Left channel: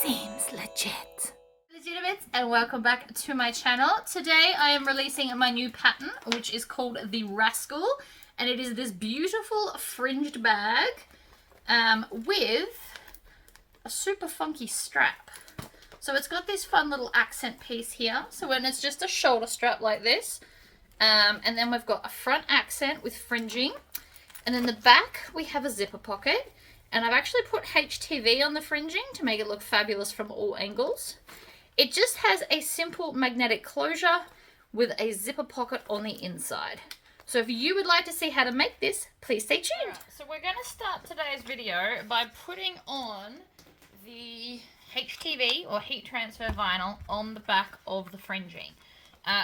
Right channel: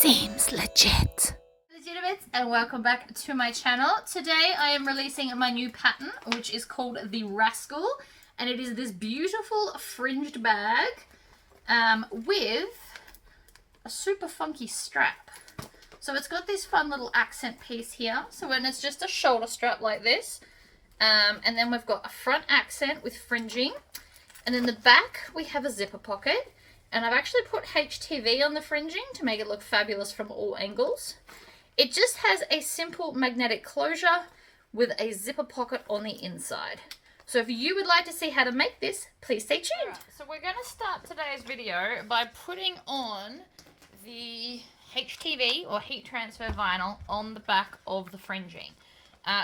Seems legit. Legitimates, and welcome back to my channel. Today I am releasing my new pattern, which is called the Rascal, and it is this beautiful fringed bag with a super funky strap. So it's got this fun little accent piece here, so when it's just a shoulder strap like this, and then we've got a front accent with fringing, and then the back we have a zipper pocket. And I've actually put HTV on the fringing to make it look fabulous from all angles. It just has a simple magnetic closure with a zipper pocket on the inside. So if you would like to see how to make this, please stay tuned. Right, so we're going to start today's video by putting on the HTV or heat transfer vinyl on the back of the fringing.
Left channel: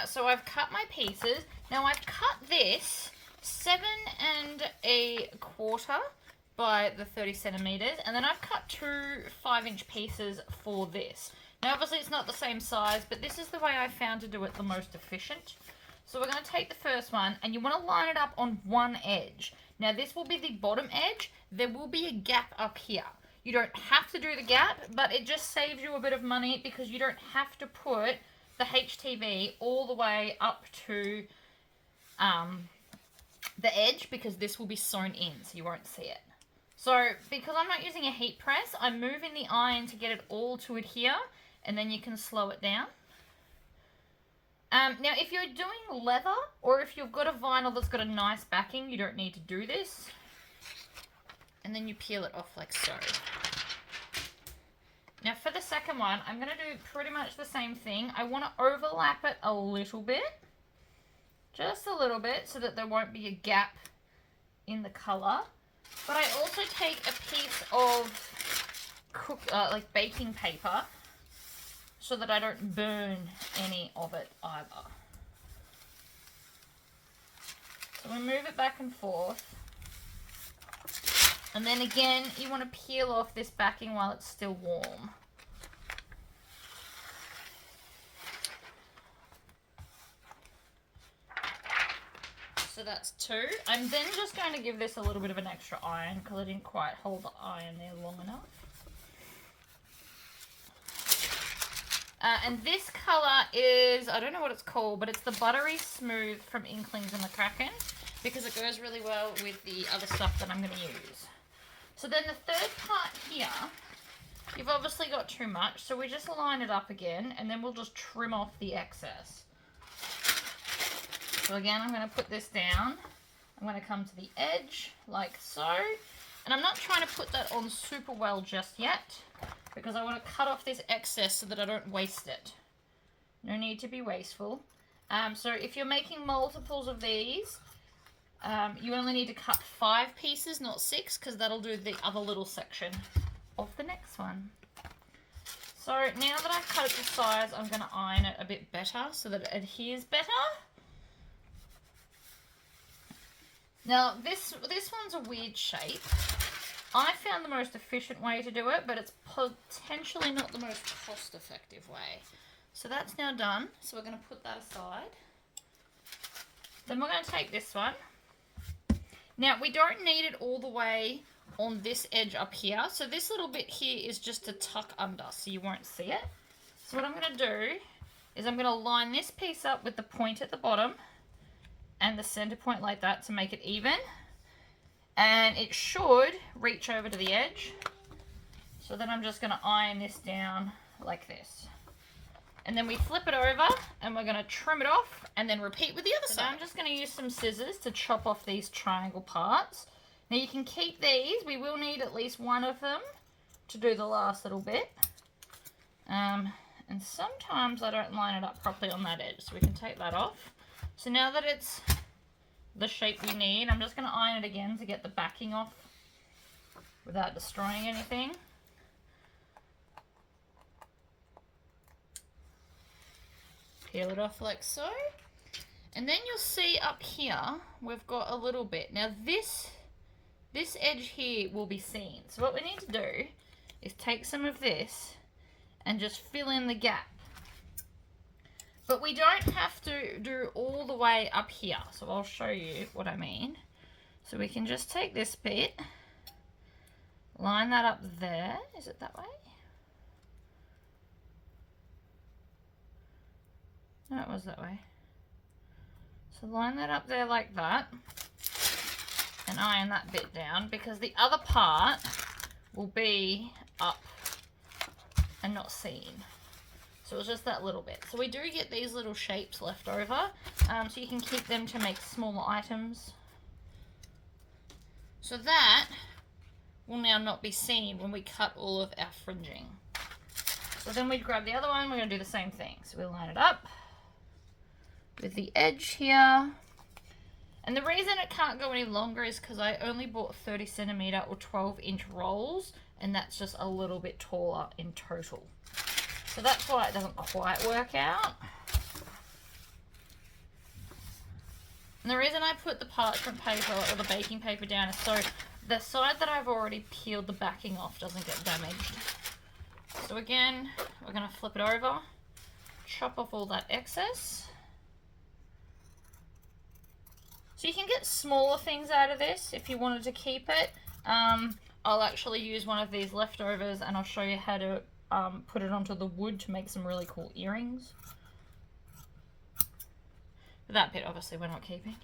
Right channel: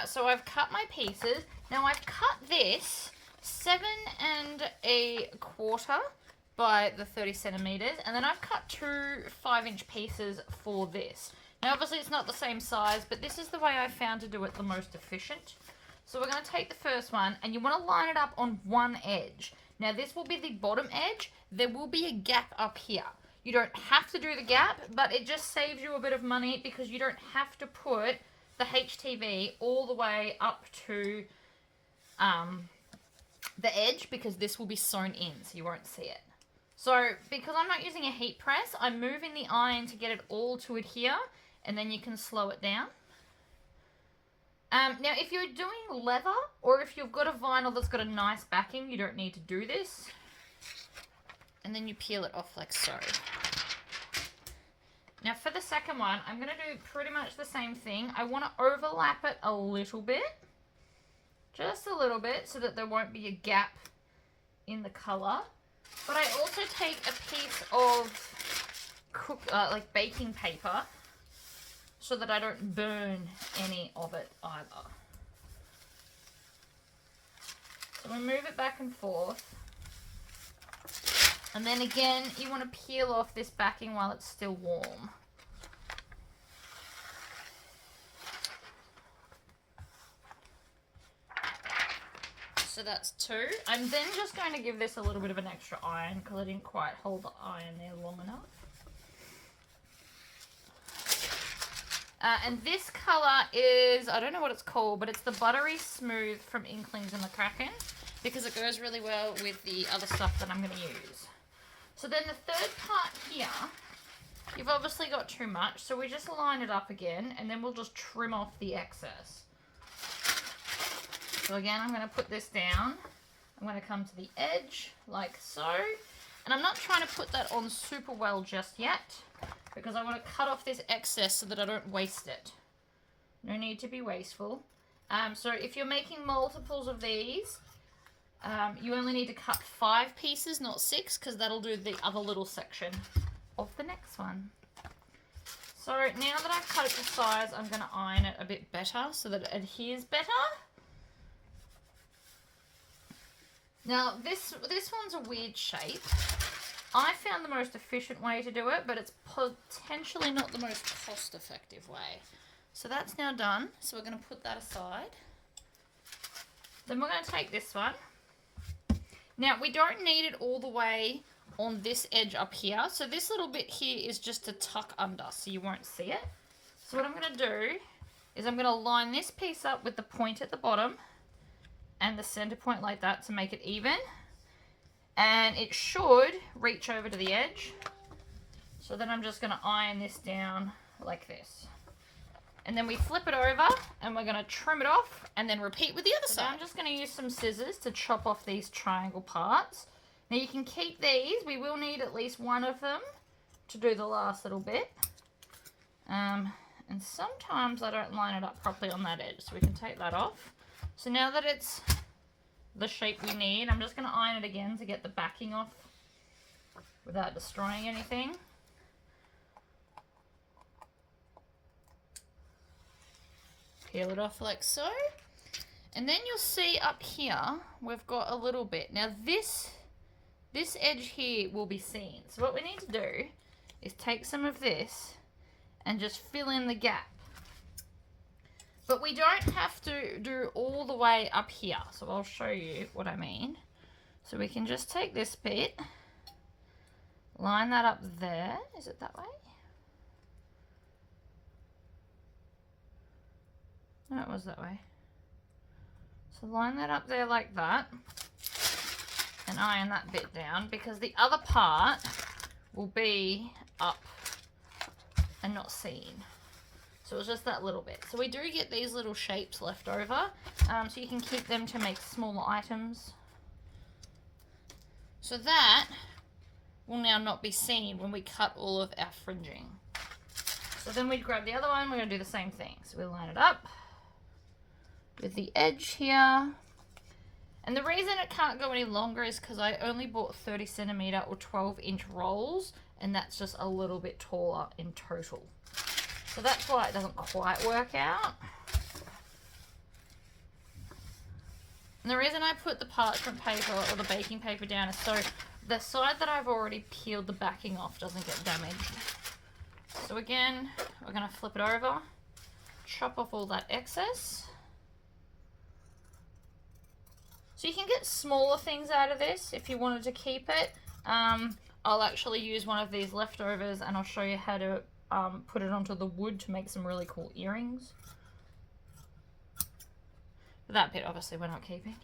So I've cut my pieces. Now I've cut this 7 1/4 by the 30 centimeters, and then I've cut 2 5-inch pieces for this. Now obviously it's not the same size, but this is the way I found to do it the most efficient. So we're going to take the first one, and you want to line it up on one edge. Now this will be the bottom edge. There will be a gap up here. You don't have to do the gap, but it just saves you a bit of money because you don't have to put the HTV all the way up to the edge, because this will be sewn in, so you won't see it. So, because I'm not using a heat press, I'm moving the iron to get it all to adhere, and then you can slow it down. Now, if you're doing leather, or if you've got a vinyl that's got a nice backing, you don't need to do this. And then you peel it off like so. Now, for the second one, I'm going to do pretty much the same thing. I want to overlap it a little bit. Just a little bit, so that there won't be a gap in the colour. But I also take a piece of like baking paper so that I don't burn any of it either. So we move it back and forth. And then again, you want to peel off this backing while it's still warm. So that's 2. I'm then just going to give this a little bit of an extra iron because I didn't quite hold the iron there long enough. And this colour is, I don't know what it's called, but it's the Buttery Smooth from Inklings and the Kraken, because it goes really well with the other stuff that I'm going to use. So then the third part here, you've obviously got too much, so we just line it up again, and then we'll just trim off the excess. So again, I'm going to put this down. I'm going to come to the edge like so. And I'm not trying to put that on super well just yet, because I want to cut off this excess so that I don't waste it. No need to be wasteful. So if you're making multiples of these, you only need to cut 5 pieces, not 6, because that'll do the other little section of the next one. So now that I've cut it to size, I'm going to iron it a bit better so that it adheres better. Now, this one's a weird shape. I found the most efficient way to do it, but it's potentially not the most cost-effective way. So that's now done. So we're going to put that aside. Then we're going to take this one. Now, we don't need it all the way on this edge up here. So this little bit here is just to tuck under, so you won't see it. So what I'm going to do is I'm going to line this piece up with the point at the bottom and the center point like that to make it even, and it should reach over to the edge. So then I'm just going to iron this down like this, and then we flip it over and we're going to trim it off and then repeat with the other side. Now I'm just going to use some scissors to chop off these triangle parts. Now you can keep these, we will need at least one of them to do the last little bit, and sometimes I don't line it up properly on that edge, so we can take that off. So now that it's the shape we need, I'm just going to iron it again to get the backing off without destroying anything. Peel it off like so. And then you'll see up here, we've got a little bit. Now this edge here will be seen. So what we need to do is take some of this and just fill in the gap. But we don't have to do all the way up here, so I'll show you what I mean. So we can just take this bit, line that up there. Is it that way? No, it was that way. So line that up there like that. And iron that bit down, because the other part will be up and not seen. So it's just that little bit. So we do get these little shapes left over, so you can keep them to make smaller items. So that will now not be seen when we cut all of our fringing. So then we grab the other one, we're going to do the same thing. So we line it up with the edge here. And the reason it can't go any longer is because I only bought 30 centimeter or 12-inch rolls, and that's just a little bit taller in total. So that's why it doesn't quite work out. And the reason I put the parchment paper or the baking paper down is so the side that I've already peeled the backing off doesn't get damaged. So again, we're going to flip it over, chop off all that excess. So you can get smaller things out of this if you wanted to keep it. I'll actually use one of these leftovers and I'll show you how to put it onto the wood to make some really cool earrings. But that bit obviously we're not keeping.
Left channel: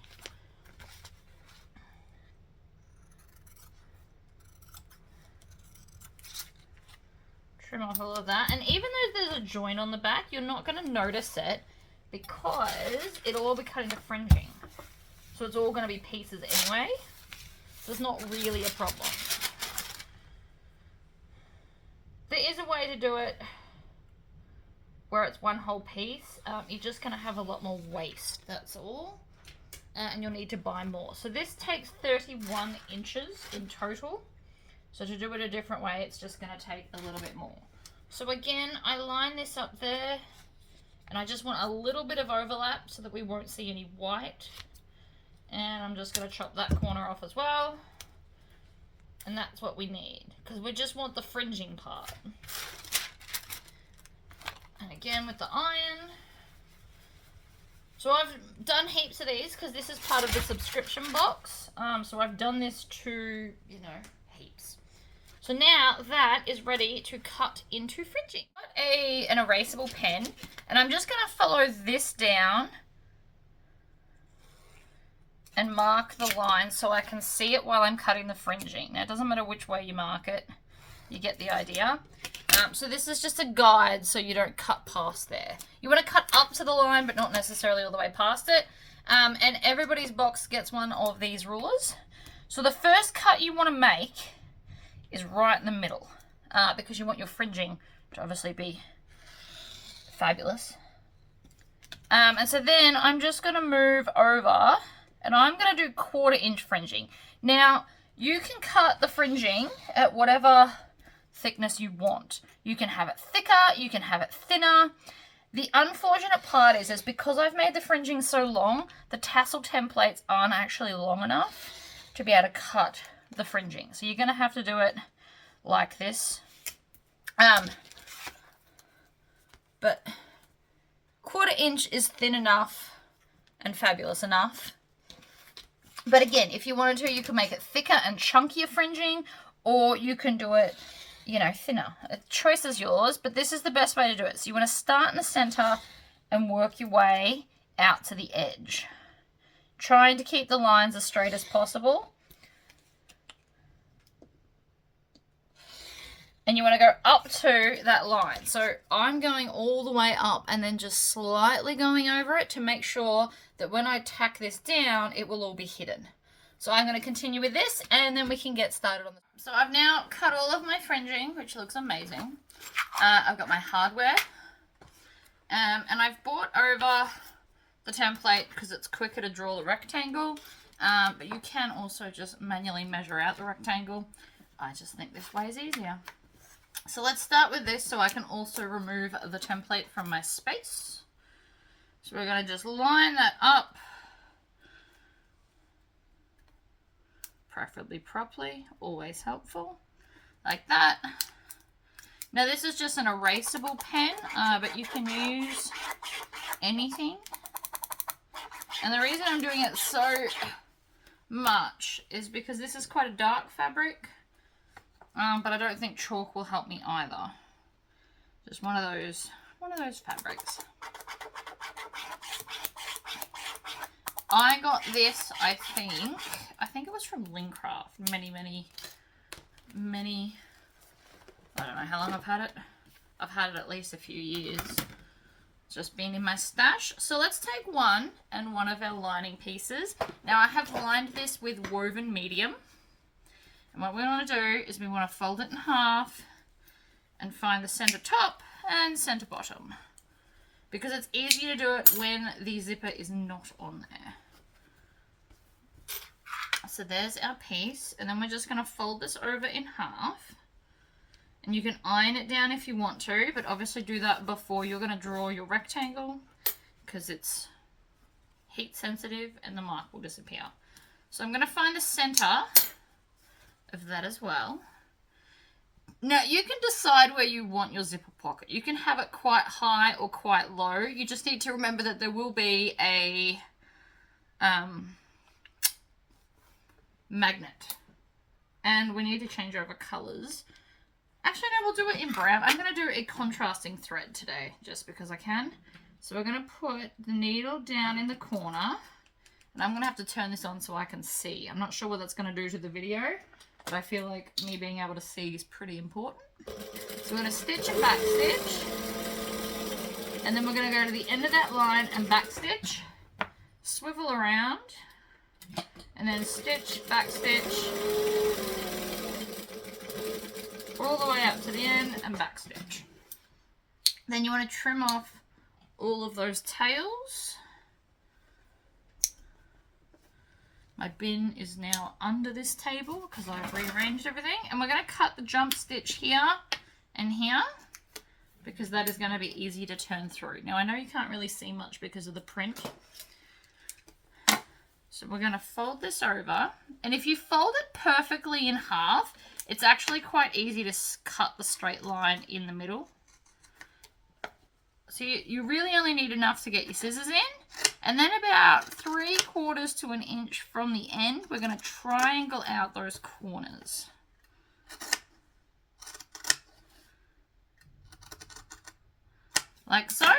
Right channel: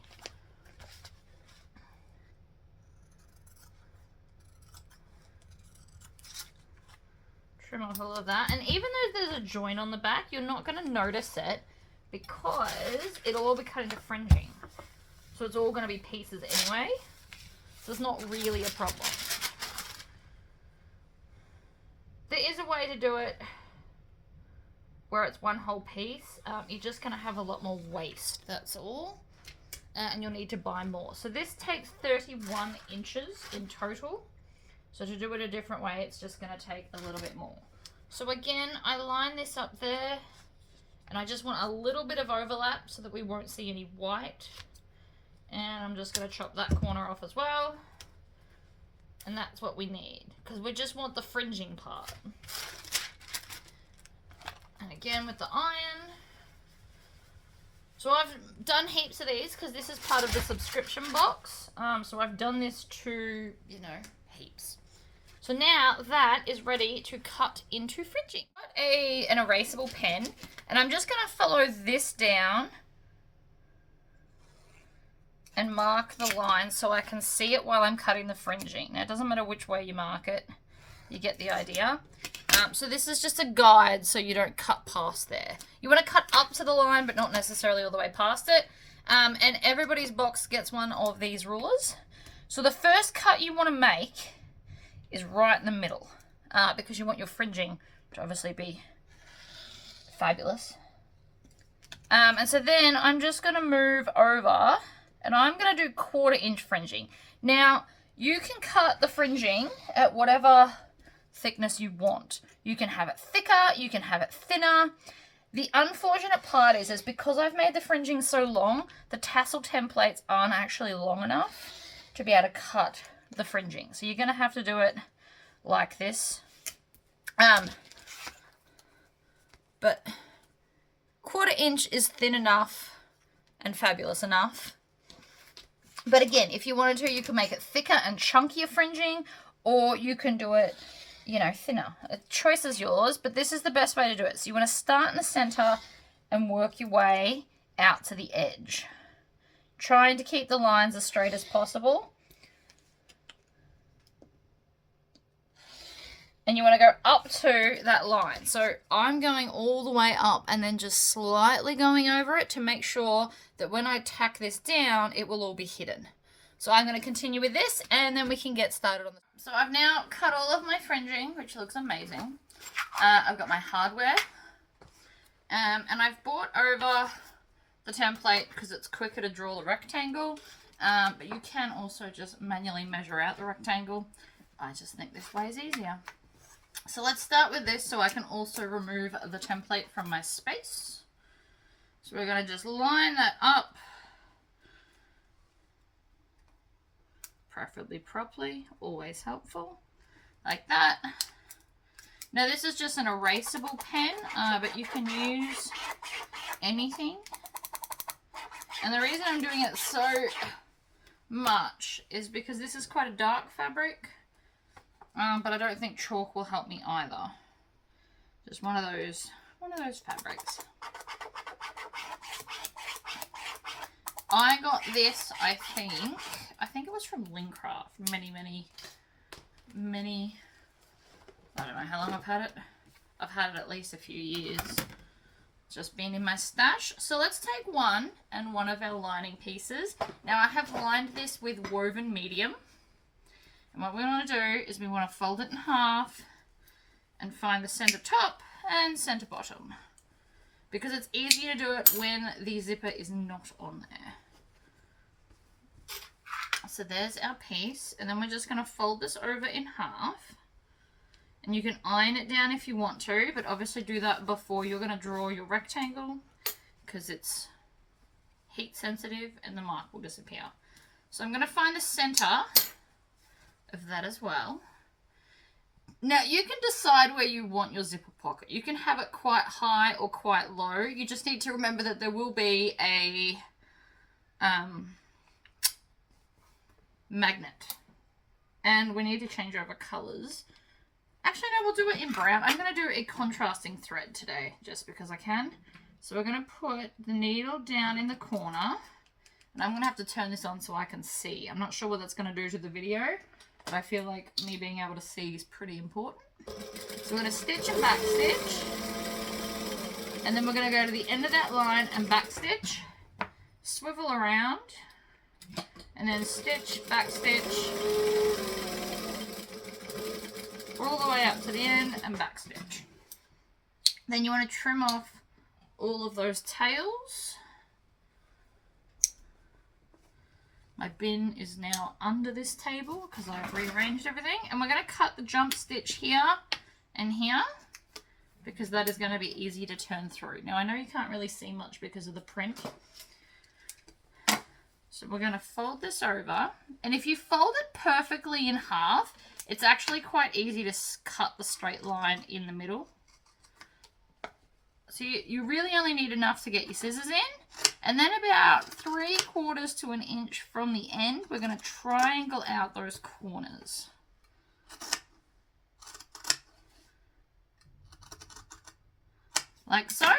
Trim off all of that, and even though there's a joint on the back, you're not going to notice it because it'll all be cut into fringing. So it's all going to be pieces anyway. So it's not really a problem. There is a way to do it where it's one whole piece. You're just going to have a lot more waste, that's all. And you'll need to buy more. So this takes 31 inches in total. So to do it a different way, it's just going to take a little bit more. So again, I line this up there, and I just want a little bit of overlap so that we won't see any white. And I'm just going to chop that corner off as well. And that's what we need, because we just want the fringing part. And again with the iron. So I've done heaps of these because this is part of the subscription box. So I've done this to, you know, heaps. So now that is ready to cut into fringing. I've got an erasable pen, and I'm just going to follow this down and mark the line so I can see it while I'm cutting the fringing. Now it doesn't matter which way you mark it, you get the idea. So this is just a guide so you don't cut past there. You want to cut up to the line but not necessarily all the way past it. And everybody's box gets one of these rulers. So the first cut you want to make is right in the middle, because you want your fringing to obviously be fabulous. And so then I'm just going to move over and I'm going to do 1/4 inch fringing. Now you can cut the fringing at whatever thickness you want. You can have it thicker, you can have it thinner. The unfortunate part is because I've made the fringing so long, the tassel templates aren't actually long enough to be able to cut the fringing. So you're going to have to do it like this. But 1/4 inch is thin enough and fabulous enough. But again, if you wanted to, you can make it thicker and chunkier fringing, or you can do it, you know, thinner. The choice is yours, but this is the best way to do it. So you want to start in the center and work your way out to the edge, trying to keep the lines as straight as possible. And you want to go up to that line. So I'm going all the way up and then just slightly going over it to make sure that when I tack this down, it will all be hidden. So I'm going to continue with this and then we can get started on this. So I've now cut all of my fringing, which looks amazing. I've got my hardware. And I've brought over the template because it's quicker to draw the rectangle. But you can also just manually measure out the rectangle. I just think this way is easier. So let's start with this so I can also remove the template from my space. So we're going to just line that up, preferably properly, always helpful, like that. Now this is just an erasable pen, but you can use anything. And the reason I'm doing it so much is because this is quite a dark fabric. But I don't think chalk will help me either. Just one of those fabrics. I got this, I think it was from Lincraft many, I don't know how long I've had it. I've had it at least a few years. It's just been in my stash. So let's take one of our lining pieces. Now I have lined this with woven medium. And what we want to do is we want to fold it in half and find the center top and center bottom. Because it's easier to do it when the zipper is not on there. So there's our piece. And then we're just going to fold this over in half. And you can iron it down if you want to, but obviously do that before you're going to draw your rectangle because it's heat sensitive and the mark will disappear. So I'm going to find the center of that as well. Now you can decide where you want your zipper pocket. You can have it quite high or quite low. You just need to remember that there will be a magnet. And we need to change over colors. Actually, no, we'll do it in brown. I'm going to do a contrasting thread today, just because I can. So we're going to put the needle down in the corner. And I'm going to have to turn this on so I can see. I'm not sure what that's going to do to the video, but I feel like me being able to see is pretty important. So we're going to stitch and back stitch. And then we're going to go to the end of that line and back stitch. Swivel around. And then stitch, back stitch. All the way up to the end and back stitch. Then you want to trim off all of those tails. My bin is now under this table because I've rearranged everything. And we're going to cut the jump stitch here and here because that is going to be easy to turn through. Now I know you can't really see much because of the print. So we're going to fold this over. And if you fold it perfectly in half, it's actually quite easy to cut the straight line in the middle. So you really only need enough to get your scissors in. And then about 3/4 to an inch from the end, we're going to triangle out those corners. Like so.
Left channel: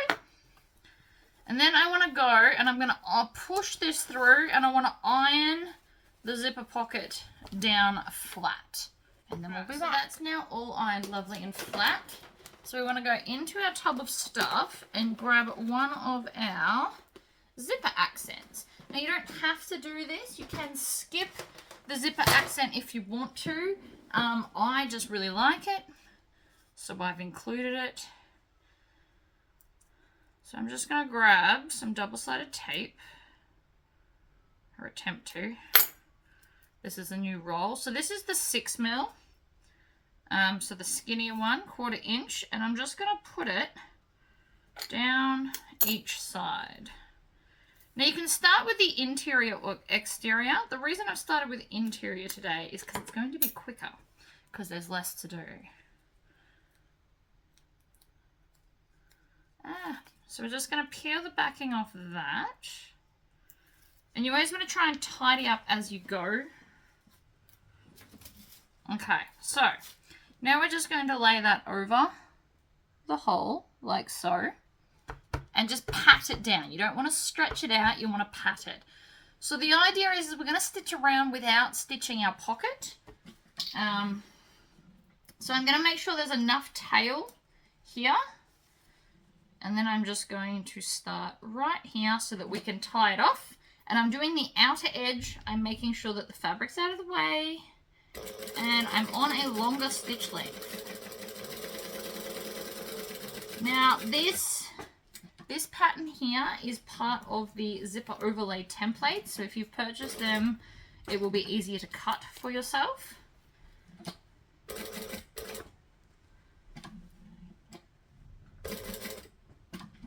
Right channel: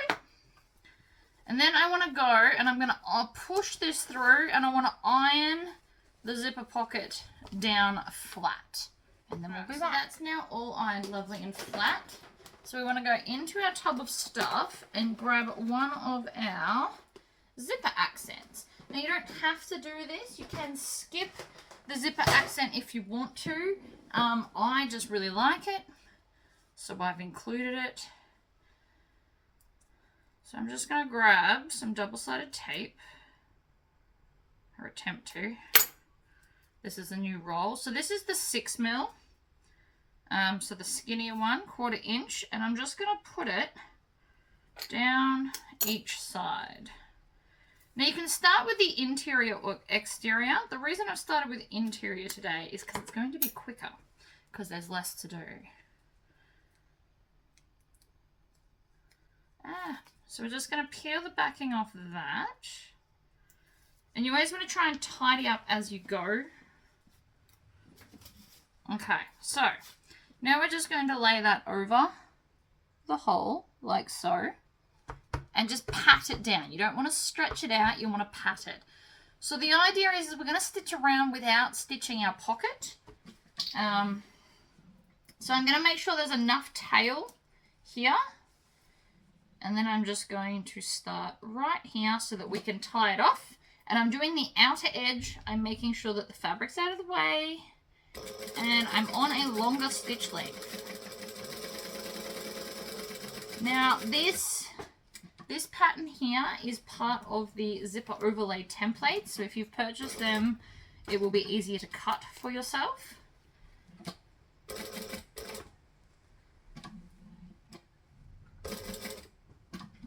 And then I want to go and I'm going to push this through and I want to iron the zipper pocket down flat. And then we'll do that. So that's now all ironed lovely and flat. So we want to go into our tub of stuff and grab one of our zipper accents. Now you don't have to do this. You can skip the zipper accent if you want to. I just really like it. So I've included it. So I'm just going to grab some double-sided tape. Or attempt to. This is a new roll. So this is the 6mm. So the skinnier one, 1/4 inch. And I'm just going to put it down each side. Now you can start with the interior or exterior. The reason I've started with interior today is because it's going to be quicker. Because there's less to do. So we're just going to peel the backing off of that. And you always want to try and tidy up as you go. Okay, so now we're just going to lay that over the hole, like so, and just pat it down. You don't want to stretch it out, you want to pat it. So the idea is we're going to stitch around without stitching our pocket. So I'm going to make sure there's enough tail here. And then I'm just going to start right here so that we can tie it off. And I'm doing the outer edge. I'm making sure that the fabric's out of the way. And I'm on a longer stitch length. Now this pattern here is part of the zipper overlay template. So if you've purchased them, it will be easier to cut for yourself.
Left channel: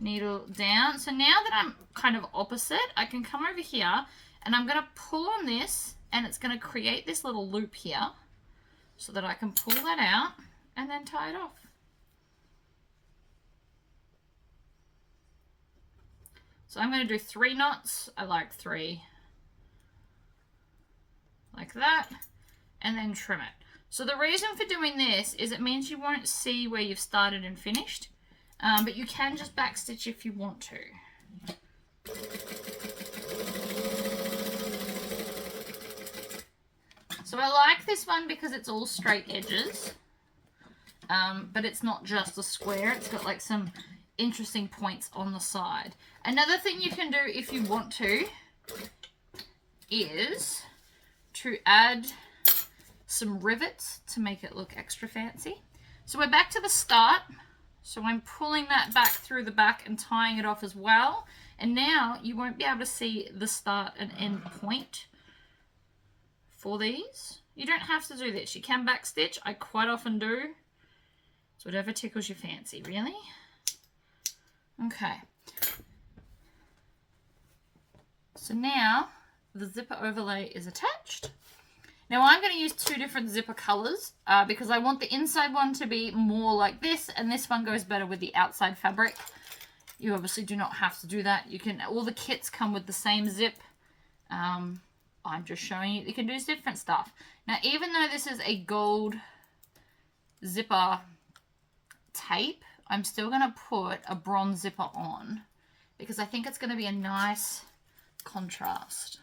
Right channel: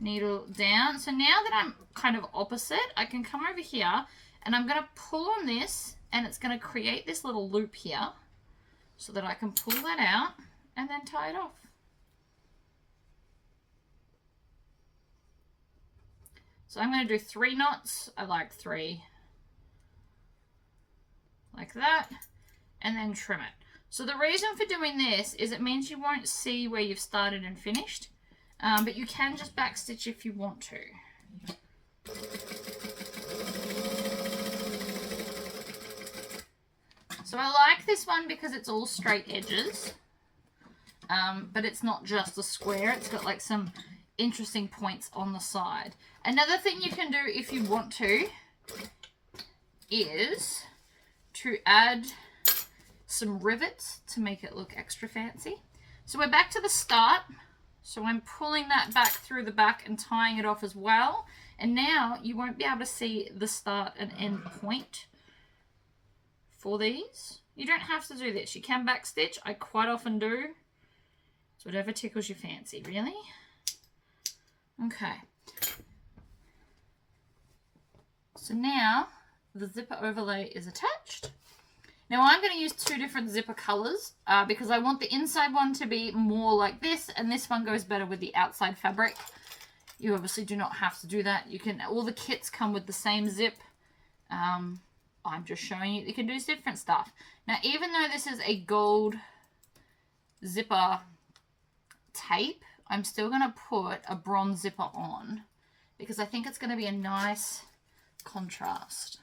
Needle down. So now that I'm kind of opposite, I can come over here and I'm going to pull on this and it's going to create this little loop here so that I can pull that out and then tie it off. So I'm going to do 3 knots. I like 3. Like that. And then trim it. So the reason for doing this is it means you won't see where you've started and finished. But you can just backstitch if you want to. So I like this one because it's all straight edges, but it's not just a square. It's got like some interesting points on the side. Another thing you can do if you want to is to add some rivets to make it look extra fancy. So we're back to the start. So I'm pulling that back through the back and tying it off as well. And now you won't be able to see the start and end point for these. You don't have to do this. You can backstitch. I quite often do. It's whatever tickles your fancy, really. Okay. So now the zipper overlay is attached. Now I'm going to use two different zipper colors because I want the inside one to be more like this, and this one goes better with the outside fabric. You obviously do not have to do that. You can, all the kits come with the same zip. I'm just showing you can do different stuff. Now, even though this is a gold zipper tape, I'm still going to put a bronze zipper on because I think it's going to be a nice contrast.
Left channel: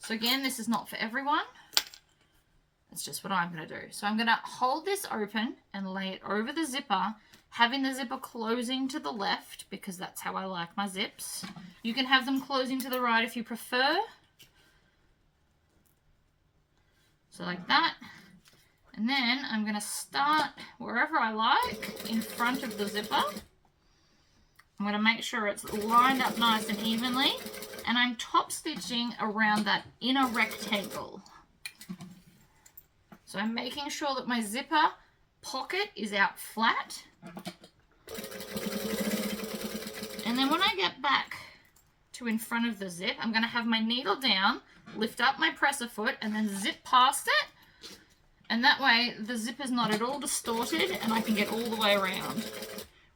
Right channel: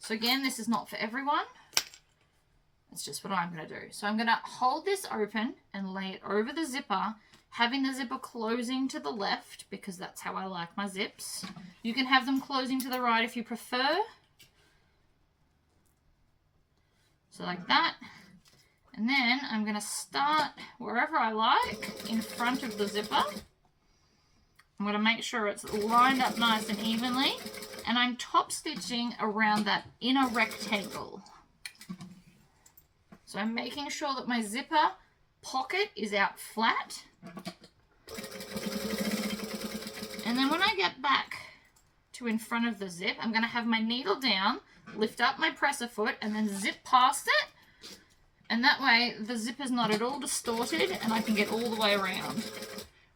So again, this is not for everyone. It's just what I'm going to do. So I'm going to hold this open and lay it over the zipper, having the zipper closing to the left because that's how I like my zips. You can have them closing to the right if you prefer. So like that. And then I'm going to start wherever I like in front of the zipper. I'm going to make sure it's lined up nice and evenly. And I'm top stitching around that inner rectangle. So I'm making sure that my zipper pocket is out flat. And then when I get back to in front of the zip, I'm going to have my needle down, lift up my presser foot, and then zip past it. And that way the zip is not at all distorted and I can get all the way around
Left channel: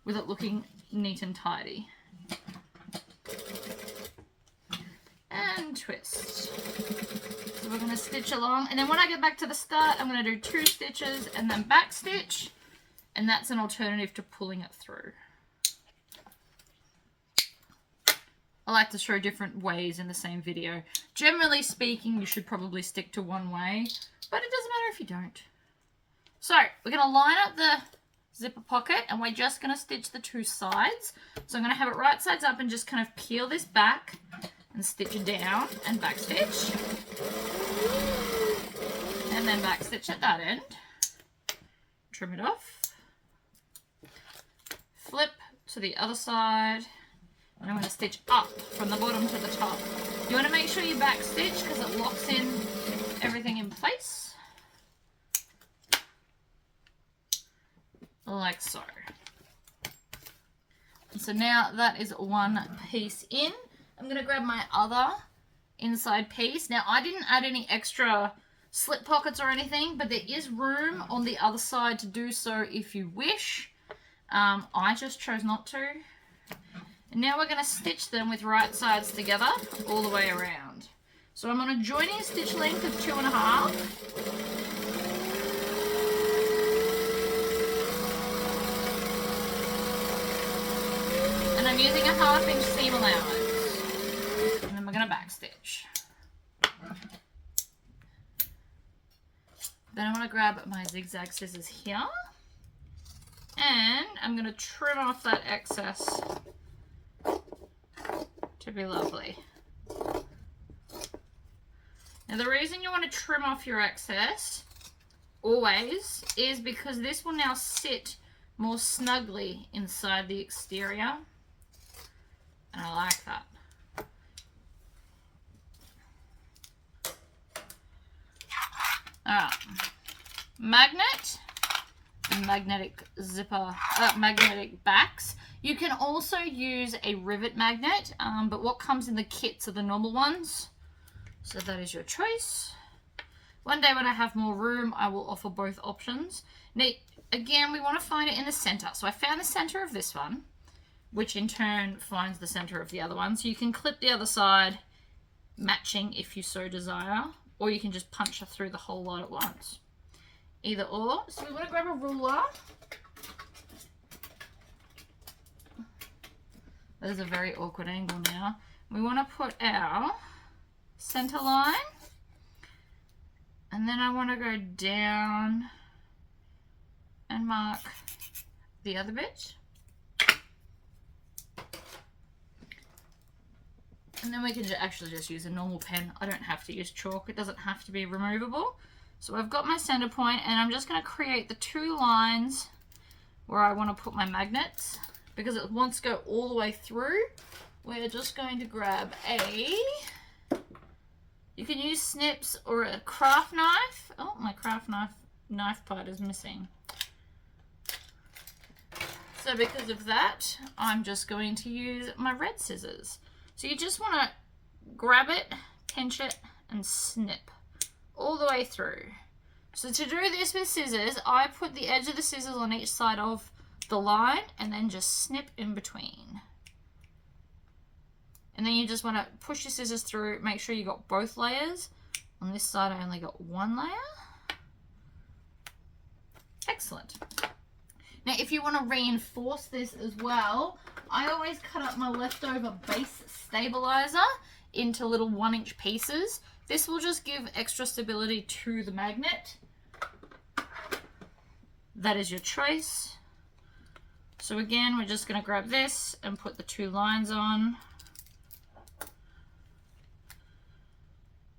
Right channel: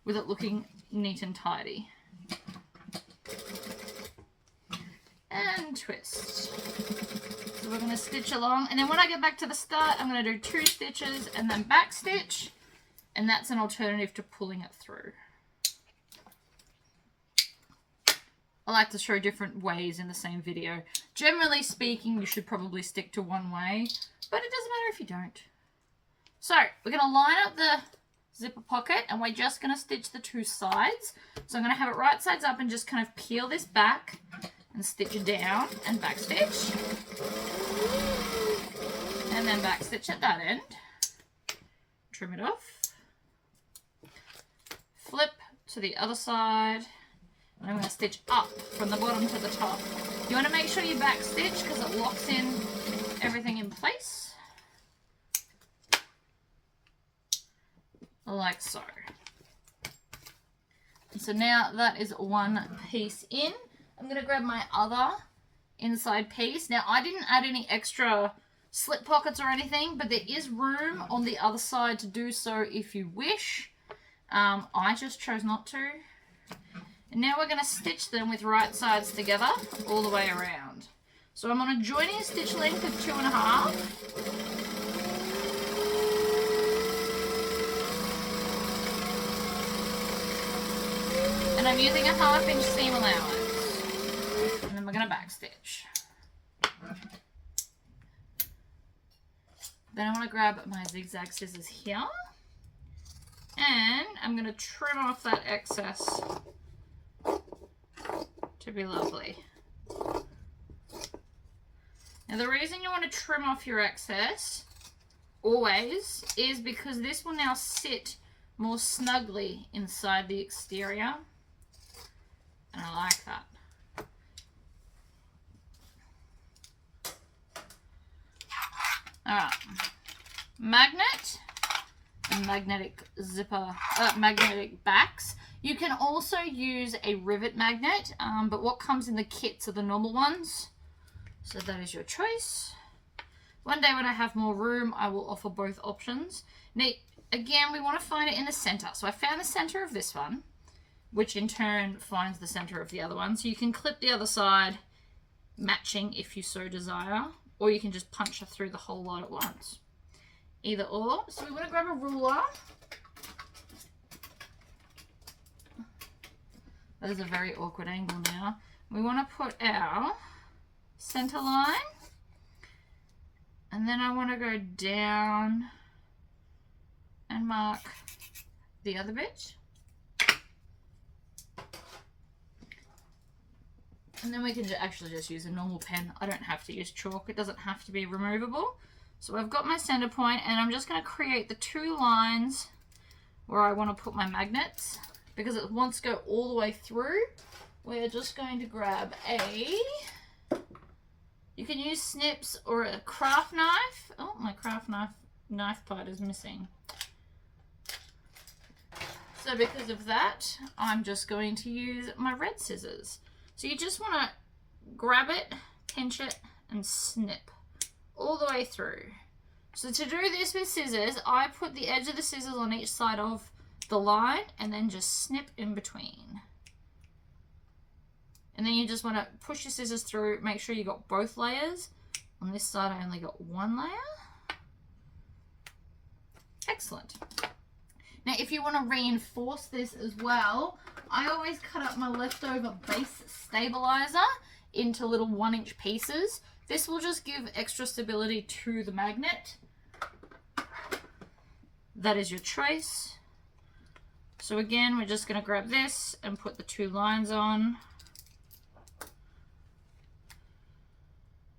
with it looking neat and tidy. And twist. So we're going to stitch along, and then when I get back to the start, I'm going to do 2 stitches and then back stitch, and that's an alternative to pulling it through. I like to show different ways in the same video. Generally speaking, you should probably stick to one way, but it doesn't matter if you don't. So we're going to line up the zipper pocket, and we're just going to stitch the 2 sides. So I'm going to have it right sides up and just kind of peel this back and stitch it down and back stitch. And then back stitch at that end. Trim it off. Flip to the other side. And I'm going to stitch up from the bottom to the top. You want to make sure you back stitch because it locks in everything in place. Like so. And so now that is one piece in. I'm going to grab my other inside piece. Now, I didn't add any extra slip pockets or anything, but there is room on the other side to do so if you wish. I just chose not to. And now we're going to stitch them with right sides together all the way around. So I'm on a joining stitch length of 2.5. And I'm using a 1/2 inch seam allowance. And then we're going to back stitch. Then I want to grab my zigzag scissors here. And I'm going to trim off that excess to be lovely. Now the reason you want to trim off your excess always is because this will now sit more snugly inside the exterior. And I like that. Magnet and magnetic zipper, magnetic backs. You can also use a rivet magnet, but what comes in the kits are the normal ones. So that is your choice. One day when I have more room, I will offer both options. Now, again, we want to find it in the center. So I found the center of this one, which in turn finds the center of the other one. So you can clip the other side, matching if you so desire, or you can just punch it through the whole lot at once. Either or. So we want to grab a ruler. That is a very awkward angle now. We want to put our center line, and then I want to go down and mark the other bit. And then we can actually just use a normal pen. I don't have to use chalk. It doesn't have to be removable. So I've got my center point, and I'm just going to create the 2 lines where I want to put my magnets. Because it wants to go all the way through, we're just going to grab you can use snips or a craft knife. Oh, my craft knife part is missing. So because of that, I'm just going to use my red scissors. So you just want to grab it, pinch it, and snip all the way through. So to do this with scissors, I put the edge of the scissors on each side of the line and then just snip in between. And then you just want to push your scissors through, make sure you got both layers. On this side I only got 1 layer. Excellent. Now if you want to reinforce this as well, I always cut up my leftover base stabilizer into little 1-inch pieces. This will just give extra stability to the magnet. That is your choice. So again, we're just going to grab this and put the 2 lines on.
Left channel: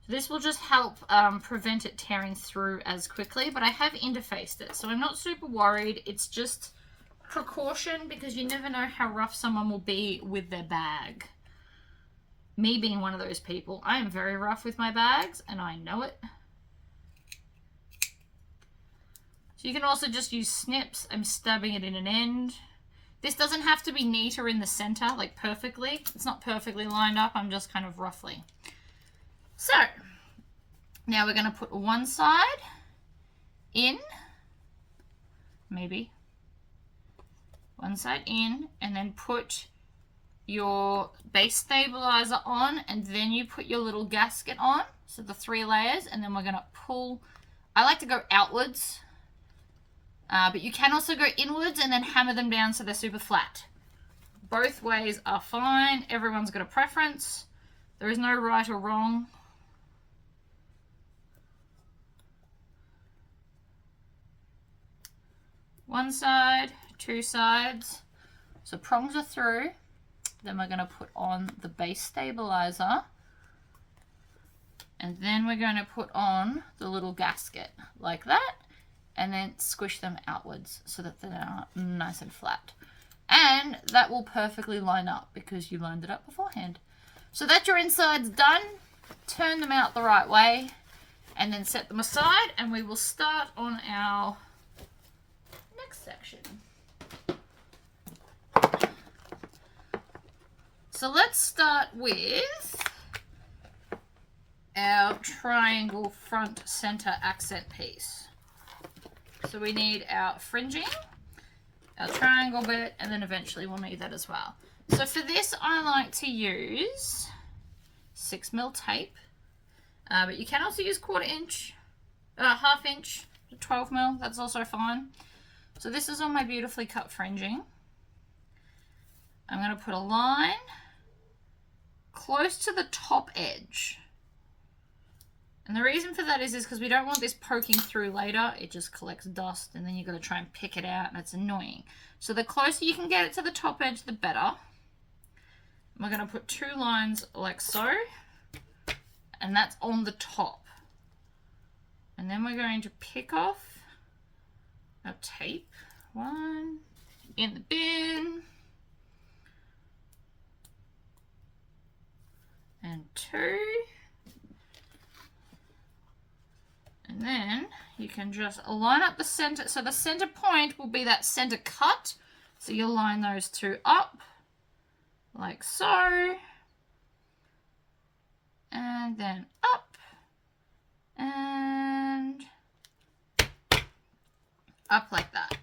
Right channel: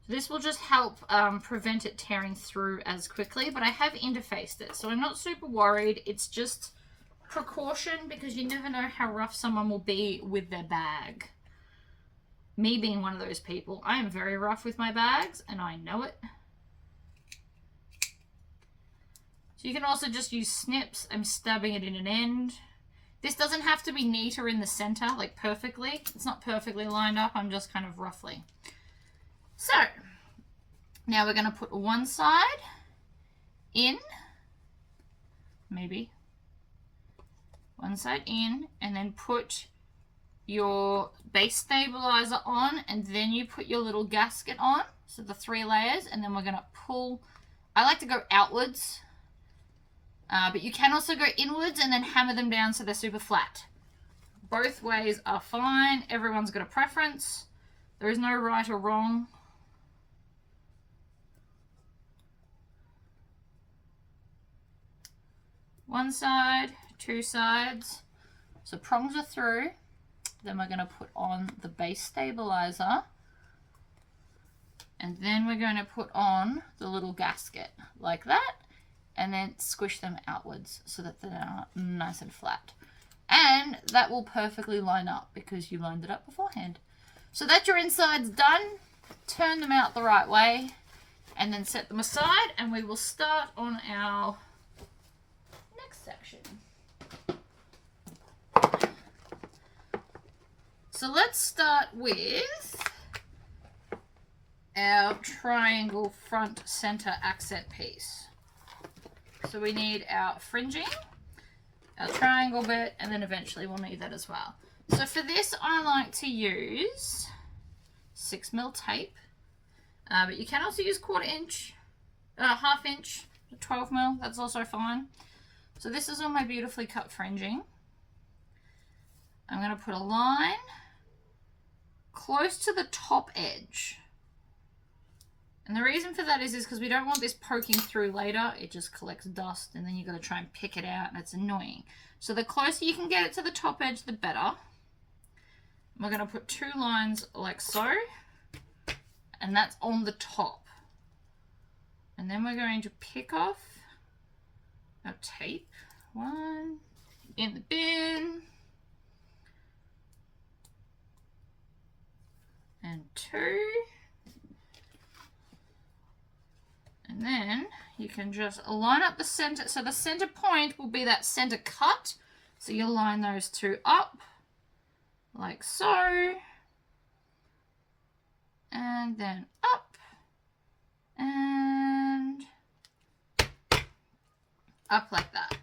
This will just help prevent it tearing through as quickly, but I have interfaced it, so I'm not super worried. It's just precaution because you never know how rough someone will be with their bag. Me being one of those people, I am very rough with my bags and I know it. So you can also just use snips. I'm stabbing it in an end. This doesn't have to be neat or in the center, like perfectly. It's not perfectly lined up, I'm just kind of roughly. So, now we're going to put one side in, maybe, one side in, and then put your base stabilizer on, and then you put your little gasket on, so the 3 layers, and then we're going to pull. I like to go outwards, but you can also go inwards and then hammer them down so they're super flat. Both ways are fine. Everyone's got a preference. There is no right or wrong. One side, 2 sides. So prongs are through. Then we're going to put on the base stabilizer. And then we're going to put on the little gasket like that. And then squish them outwards so that they're nice and flat. And that will perfectly line up because you lined it up beforehand. So that your inside's done. Turn them out the right way. And then set them aside. And we will start on our section. So let's start with our triangle front center accent piece. So we need our fringing, our triangle bit, and then eventually we'll need that as well. So for this I like to use 6mm tape, but you can also use 1/4 inch, 1/2 inch, 12mm, that's also fine. So this is all my beautifully cut fringing. I'm going to put a line close to the top edge. And the reason for that is because we don't want this poking through later. It just collects dust and then you've got to try and pick it out and it's annoying. So the closer you can get it to the top edge, the better. We're going to put 2 lines like so. And that's on the top. And then we're going to pick off our tape. 1 in the bin. And 2. And then you can just line up the center. So the center point will be that center cut. So you'll line those 2 up like so. And then up and up like that.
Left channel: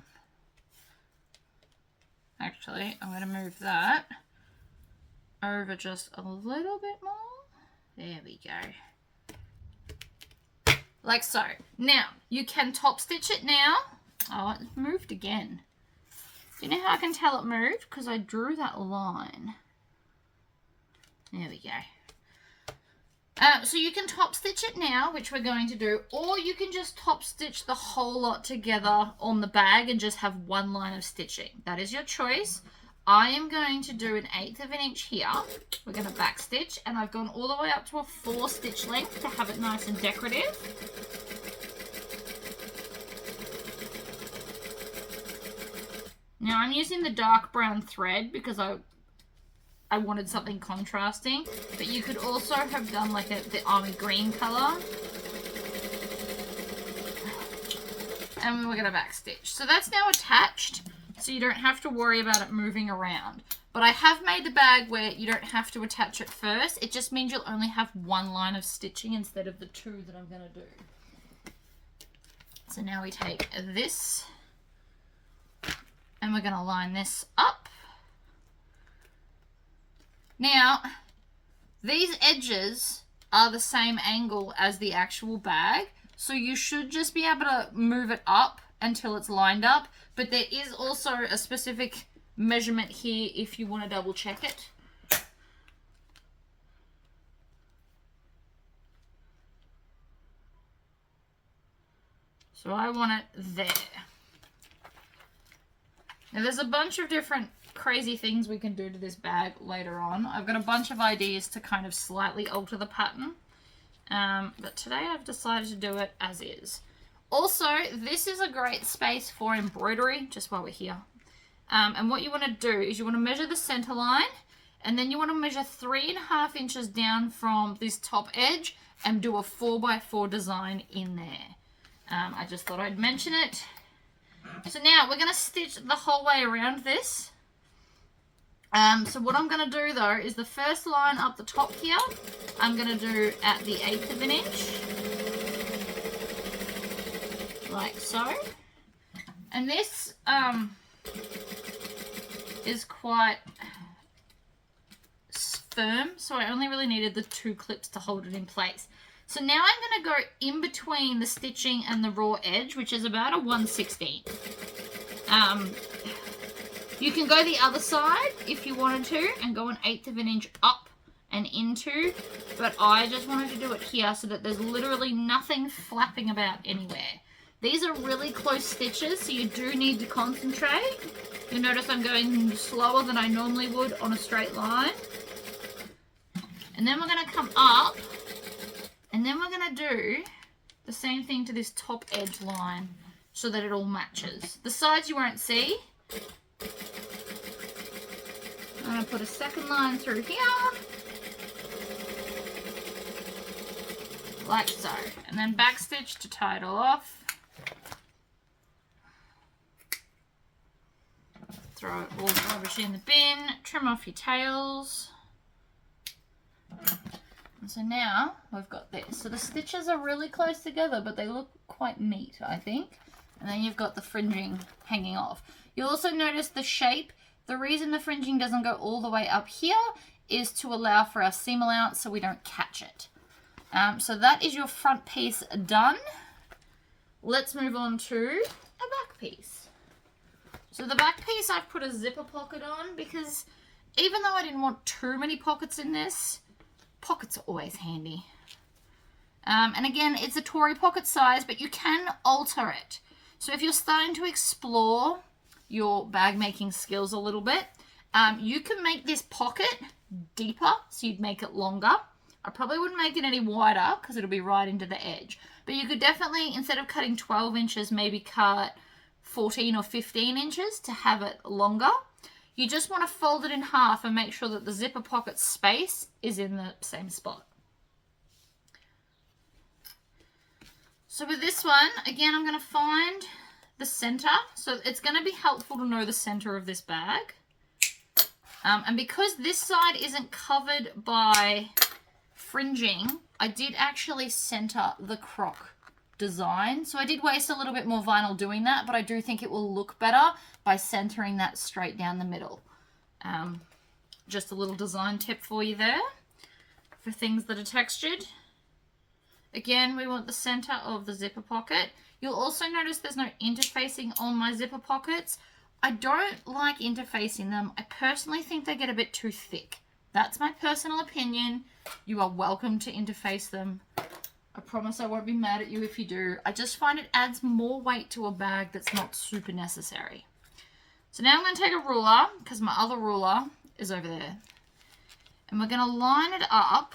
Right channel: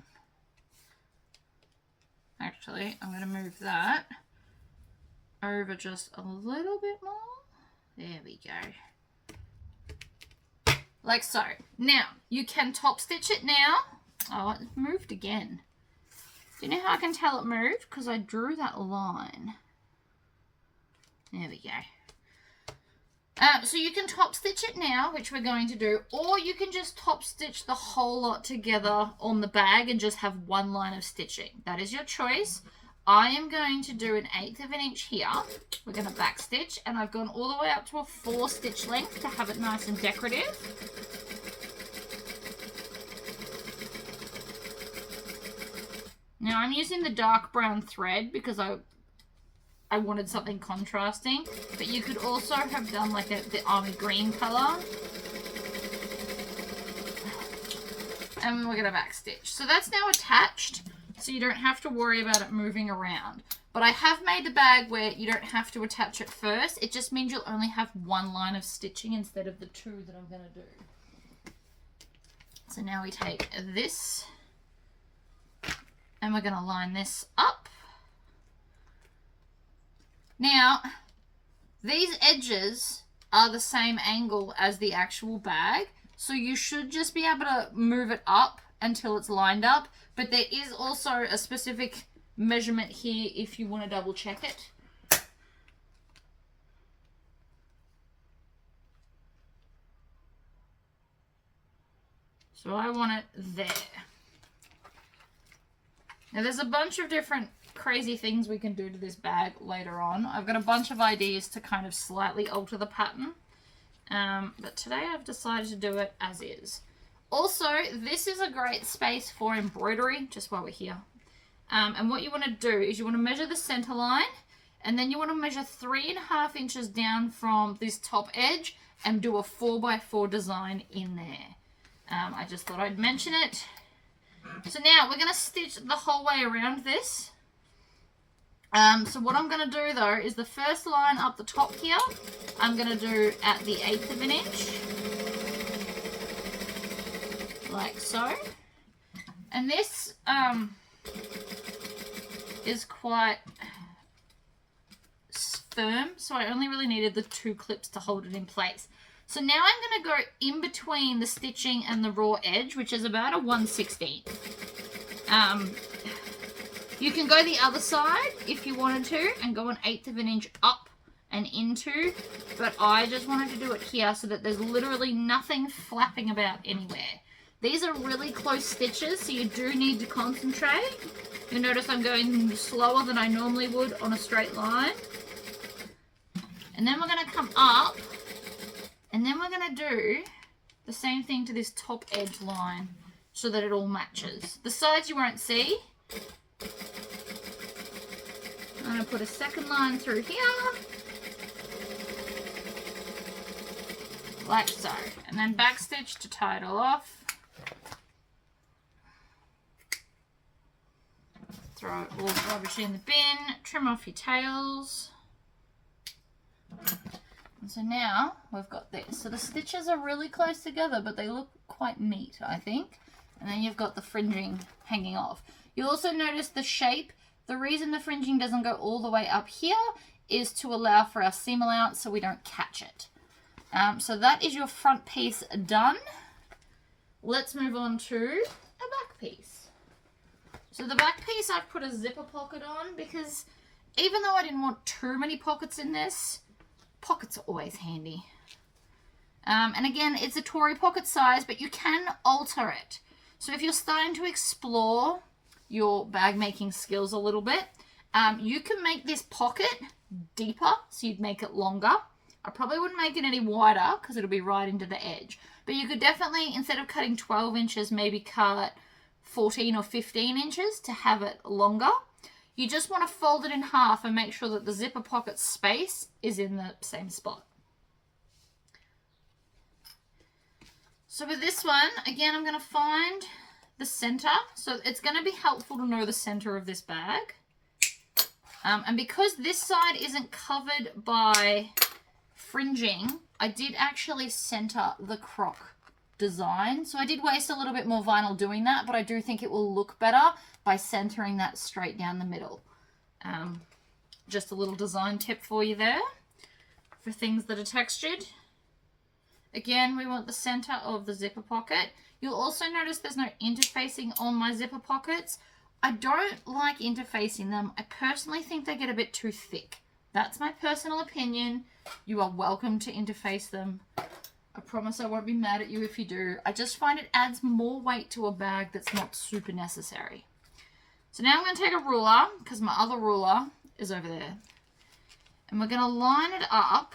Actually, I'm going to move that over just a little bit more. There we go. Like so. Now, you can top stitch it now. Oh, it moved again. Do you know how I can tell it moved? Because I drew that line. There we go. So you can top stitch it now, which we're going to do, or you can just top stitch the whole lot together on the bag and just have one line of stitching. That is your choice. I am going to do an 1/8 of an inch here. We're going to back stitch, and I've gone all the way up to a 4 stitch length to have it nice and decorative. Now I'm using the dark brown thread because I wanted something contrasting, but you could also have done like the army green color. And we're going to back stitch. So that's now attached, so you don't have to worry about it moving around. But I have made the bag where you don't have to attach it first. It just means you'll only have one line of stitching instead of the 2 that I'm going to do. So now we take this and we're going to line this up. Now, these edges are the same angle as the actual bag, so you should just be able to move it up until it's lined up, but there is also a specific measurement here if you want to double check it. So I want it there. Now there's a bunch of different crazy things we can do to this bag later on. I've got a bunch of ideas to kind of slightly alter the pattern. But today I've decided to do it as is. Also, this is a great space for embroidery, just while we're here. And what you want to do is you want to measure the center line, and then you want to measure 3.5 inches down from this top edge and do a 4x4 design in there. I just thought I'd mention it. So now we're going to stitch the whole way around this. So what I'm going to do though is the first line up the top here, I'm going to do at the 1/8 of an inch, like so. And this is quite firm, so I only really needed the 2 clips to hold it in place. So now I'm going to go in between the stitching and the raw edge, which is about a 1/16. You can go the other side if you wanted to and go an 1/8 of an inch up and into, but I just wanted to do it here so that there's literally nothing flapping about anywhere. These are really close stitches, so you do need to concentrate. You'll notice I'm going slower than I normally would on a straight line. And then we're going to come up, and then we're going to do the same thing to this top edge line so that it all matches. The sides you won't see. I'm going to put a second line through here, like so, and then backstitch to tie it all off. Throw it all rubbish in the bin, trim off your tails. And so now we've got this. So the stitches are really close together, but they look quite neat, I think. And then you've got the fringing hanging off. You'll also notice the shape. The reason the fringing doesn't go all the way up here is to allow for our seam allowance so we don't catch it. So that is your front piece done. Let's move on to a back piece. So the back piece I've put a zipper pocket on because even though I didn't want too many pockets in this, pockets are always handy. And again, it's a Tory pocket size, but you can alter it. So if you're starting to explore your bag making skills a little bit, you can make this pocket deeper, so you'd make it longer. I probably wouldn't make it any wider because it'll be right into the edge. But you could definitely, instead of cutting 12 inches, maybe cut 14 or 15 inches to have it longer. You just want to fold it in half and make sure that the zipper pocket space is in the same spot. So with this one, again, I'm going to find the center. So it's going to be helpful to know the center of this bag. And because this side isn't covered by fringing, I did actually center the croc design. So I did waste a little bit more vinyl doing that, but I do think it will look better by centering that straight down the middle. Just a little design tip for you there for things that are textured. Again, we want the center of the zipper pocket. You'll also notice there's no interfacing on my zipper pockets. I don't like interfacing them. I personally think they get a bit too thick. That's my personal opinion. You are welcome to interface them. I promise I won't be mad at you if you do. I just find it adds more weight to a bag that's not super necessary. So now I'm going to take a ruler, because my other ruler is over there. And we're going to line it up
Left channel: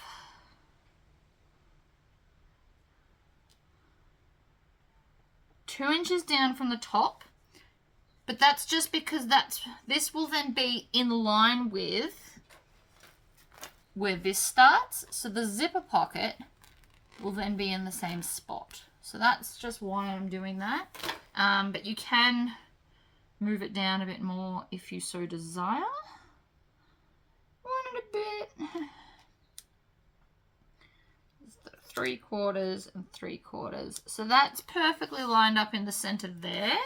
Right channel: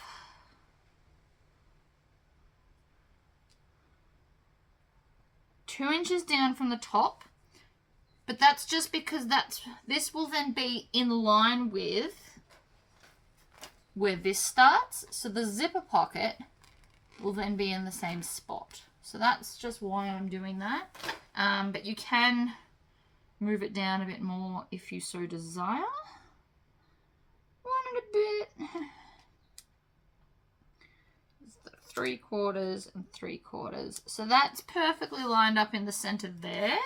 two inches down from the top. But that's just because this will then be in line with where this starts. So the zipper pocket will then be in the same spot. So that's just why I'm doing that. But you can move it down a bit more if you so desire. Want it a bit. 3/4 and 3/4. So that's perfectly lined up in the center there.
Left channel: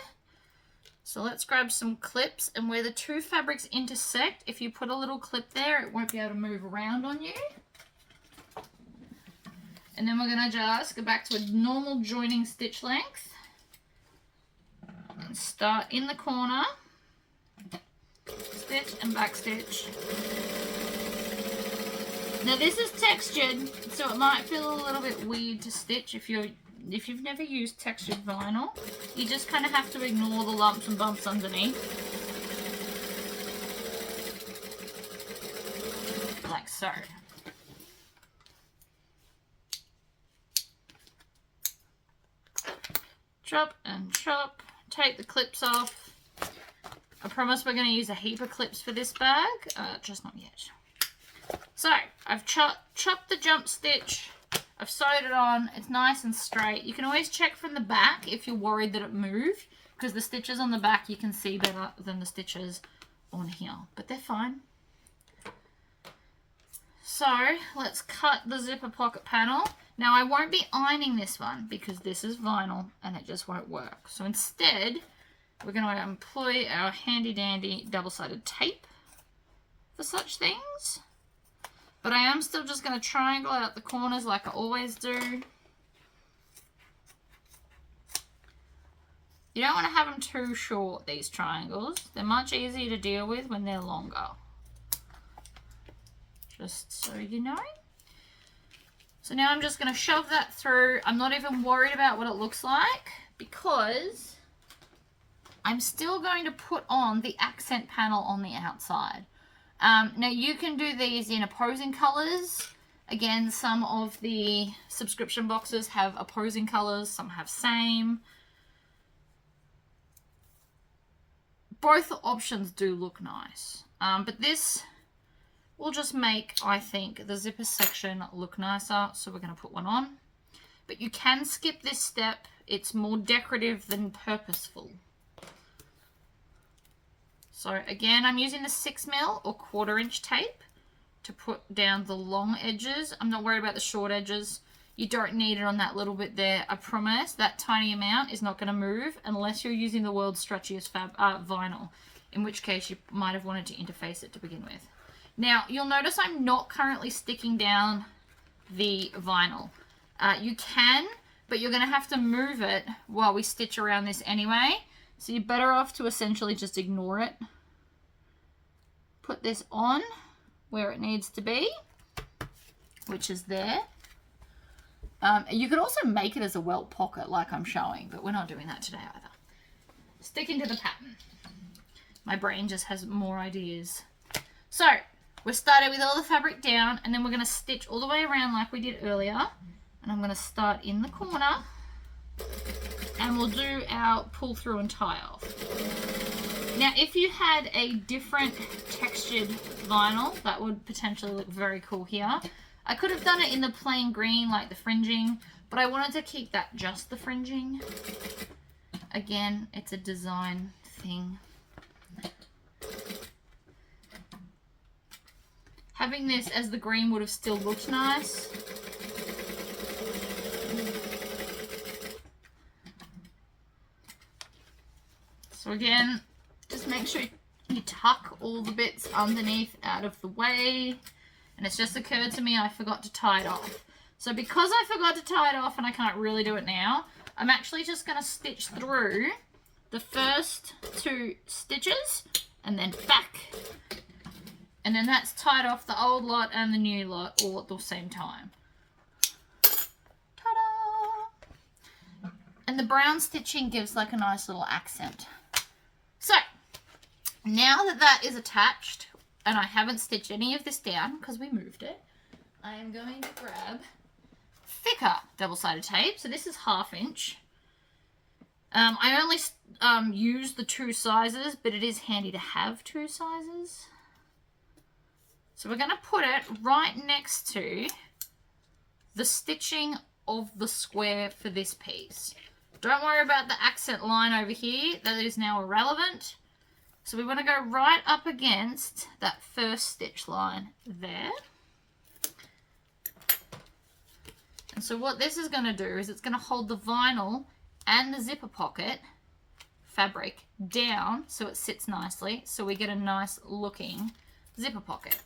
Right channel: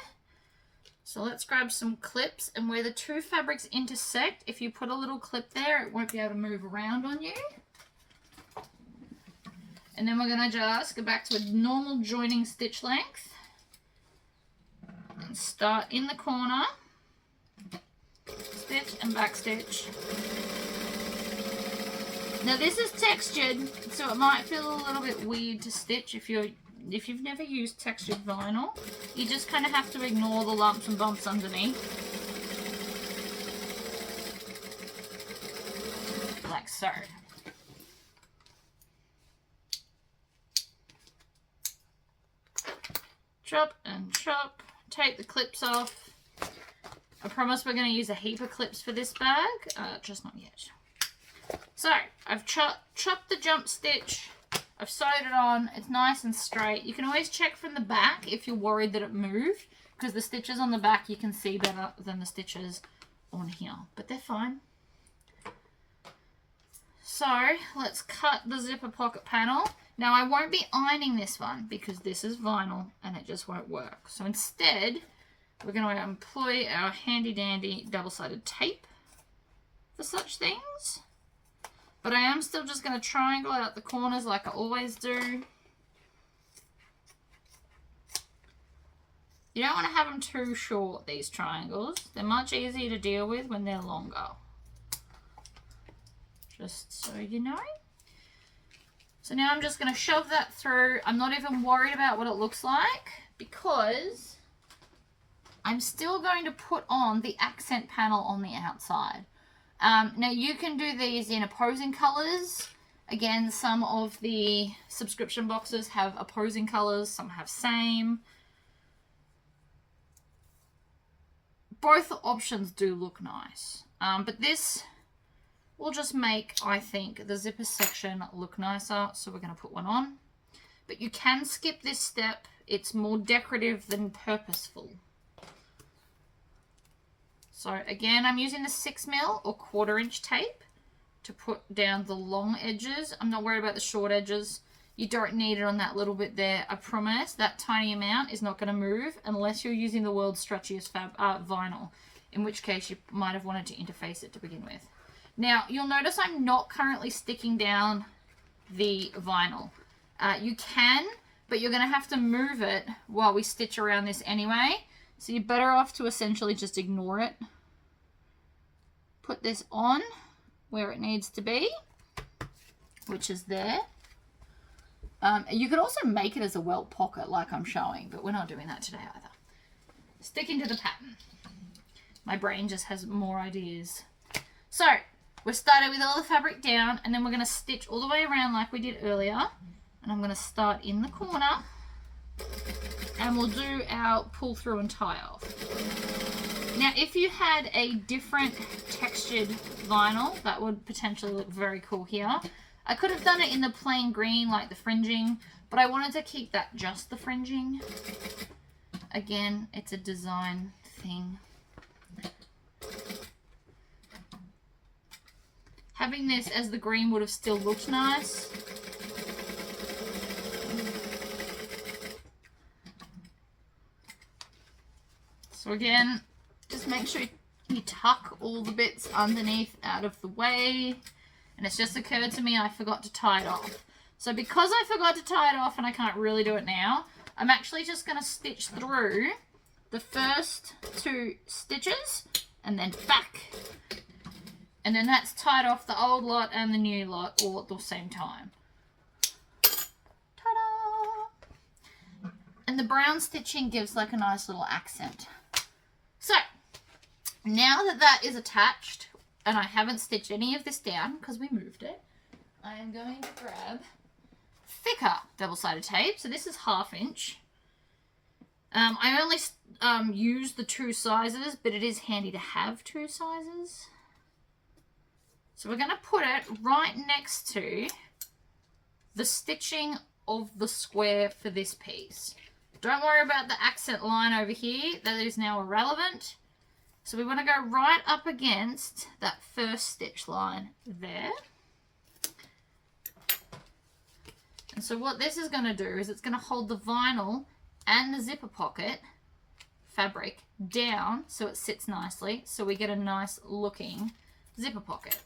So let's grab some clips, and where the two fabrics intersect, if you put a little clip there, it won't be able to move around on you. And then we're going to just go back to a normal joining stitch length and start in the corner, stitch and back stitch. Now this is textured, so it might feel a little bit weird to stitch if you've never used textured vinyl. You just kind of have to ignore the lumps and bumps underneath. Like so. Chop and chop. Take the clips off. I promise we're going to use a heap of clips for this bag. Just not yet. So, I've chopped the jump stitch. I've sewed it on. It's nice and straight. You can always check from the back if you're worried that it moved, because the stitches on the back you can see better than the stitches on here. But they're fine. So, let's cut the zipper pocket panel. Now, I won't be ironing this one because this is vinyl and it just won't work. So instead, we're going to employ our handy-dandy double-sided tape for such things. But I am still just going to triangle out the corners like I always do. You don't want to have them too short, these triangles. They're much easier to deal with when they're longer. Just so you know. So now I'm just going to shove that through. I'm not even worried about what it looks like because I'm still going to put on the accent panel on the outside. Now you can do these in opposing colors. Again, some of the subscription boxes have opposing colors, some have same. Both options do look nice. But this will just make, I think, the zipper section look nicer. So we're going to put one on. But you can skip this step. It's more decorative than purposeful. So again, I'm using the 6mm or 1/4 inch tape to put down the long edges. I'm not worried about the short edges. You don't need it on that little bit there. I promise that tiny amount is not going to move unless you're using the world's stretchiest vinyl, in which case you might have wanted to interface it to begin with. Now, you'll notice I'm not currently sticking down the vinyl. You can, but you're going to have to move it while we stitch around this anyway. So you're better off to essentially just ignore it. Put this on where it needs to be, which is there. You could also make it as a welt pocket like I'm showing, but we're not doing that today either. Sticking to the pattern. My brain just has more ideas. So, we've started with all the fabric down, and then we're going to stitch all the way around like we did earlier. And I'm going to start in the corner. And we'll do our pull through and tie off. Now, if you had a different textured vinyl, that would potentially look very cool here. I could have done it in the plain green, like the fringing, but I wanted to keep that just the fringing. Again, it's a design thing. Having this as the green would have still looked nice. So again, just make sure you tuck all the bits underneath out of the way. And it's just occurred to me I forgot to tie it off. So because I forgot to tie it off and I can't really do it now, I'm actually just going to stitch through the first 2 stitches and then back And then that's tied off the old lot and the new lot all at the same time. Ta-da! And the brown stitching gives like a nice little accent. So, now that that is attached, and I haven't stitched any of this down because we moved it, I am going to grab thicker double-sided tape. So this is 1/2 inch. I only use the 2 sizes, but it is handy to have 2 sizes. So we're going to put it right next to the stitching of the square for this piece. Don't worry about the accent line over here. That is now irrelevant. So we want to go right up against that first stitch line there. And so what this is going to do is it's going to hold the vinyl and the zipper pocket fabric down so it sits nicely, so we get a nice looking zipper pocket.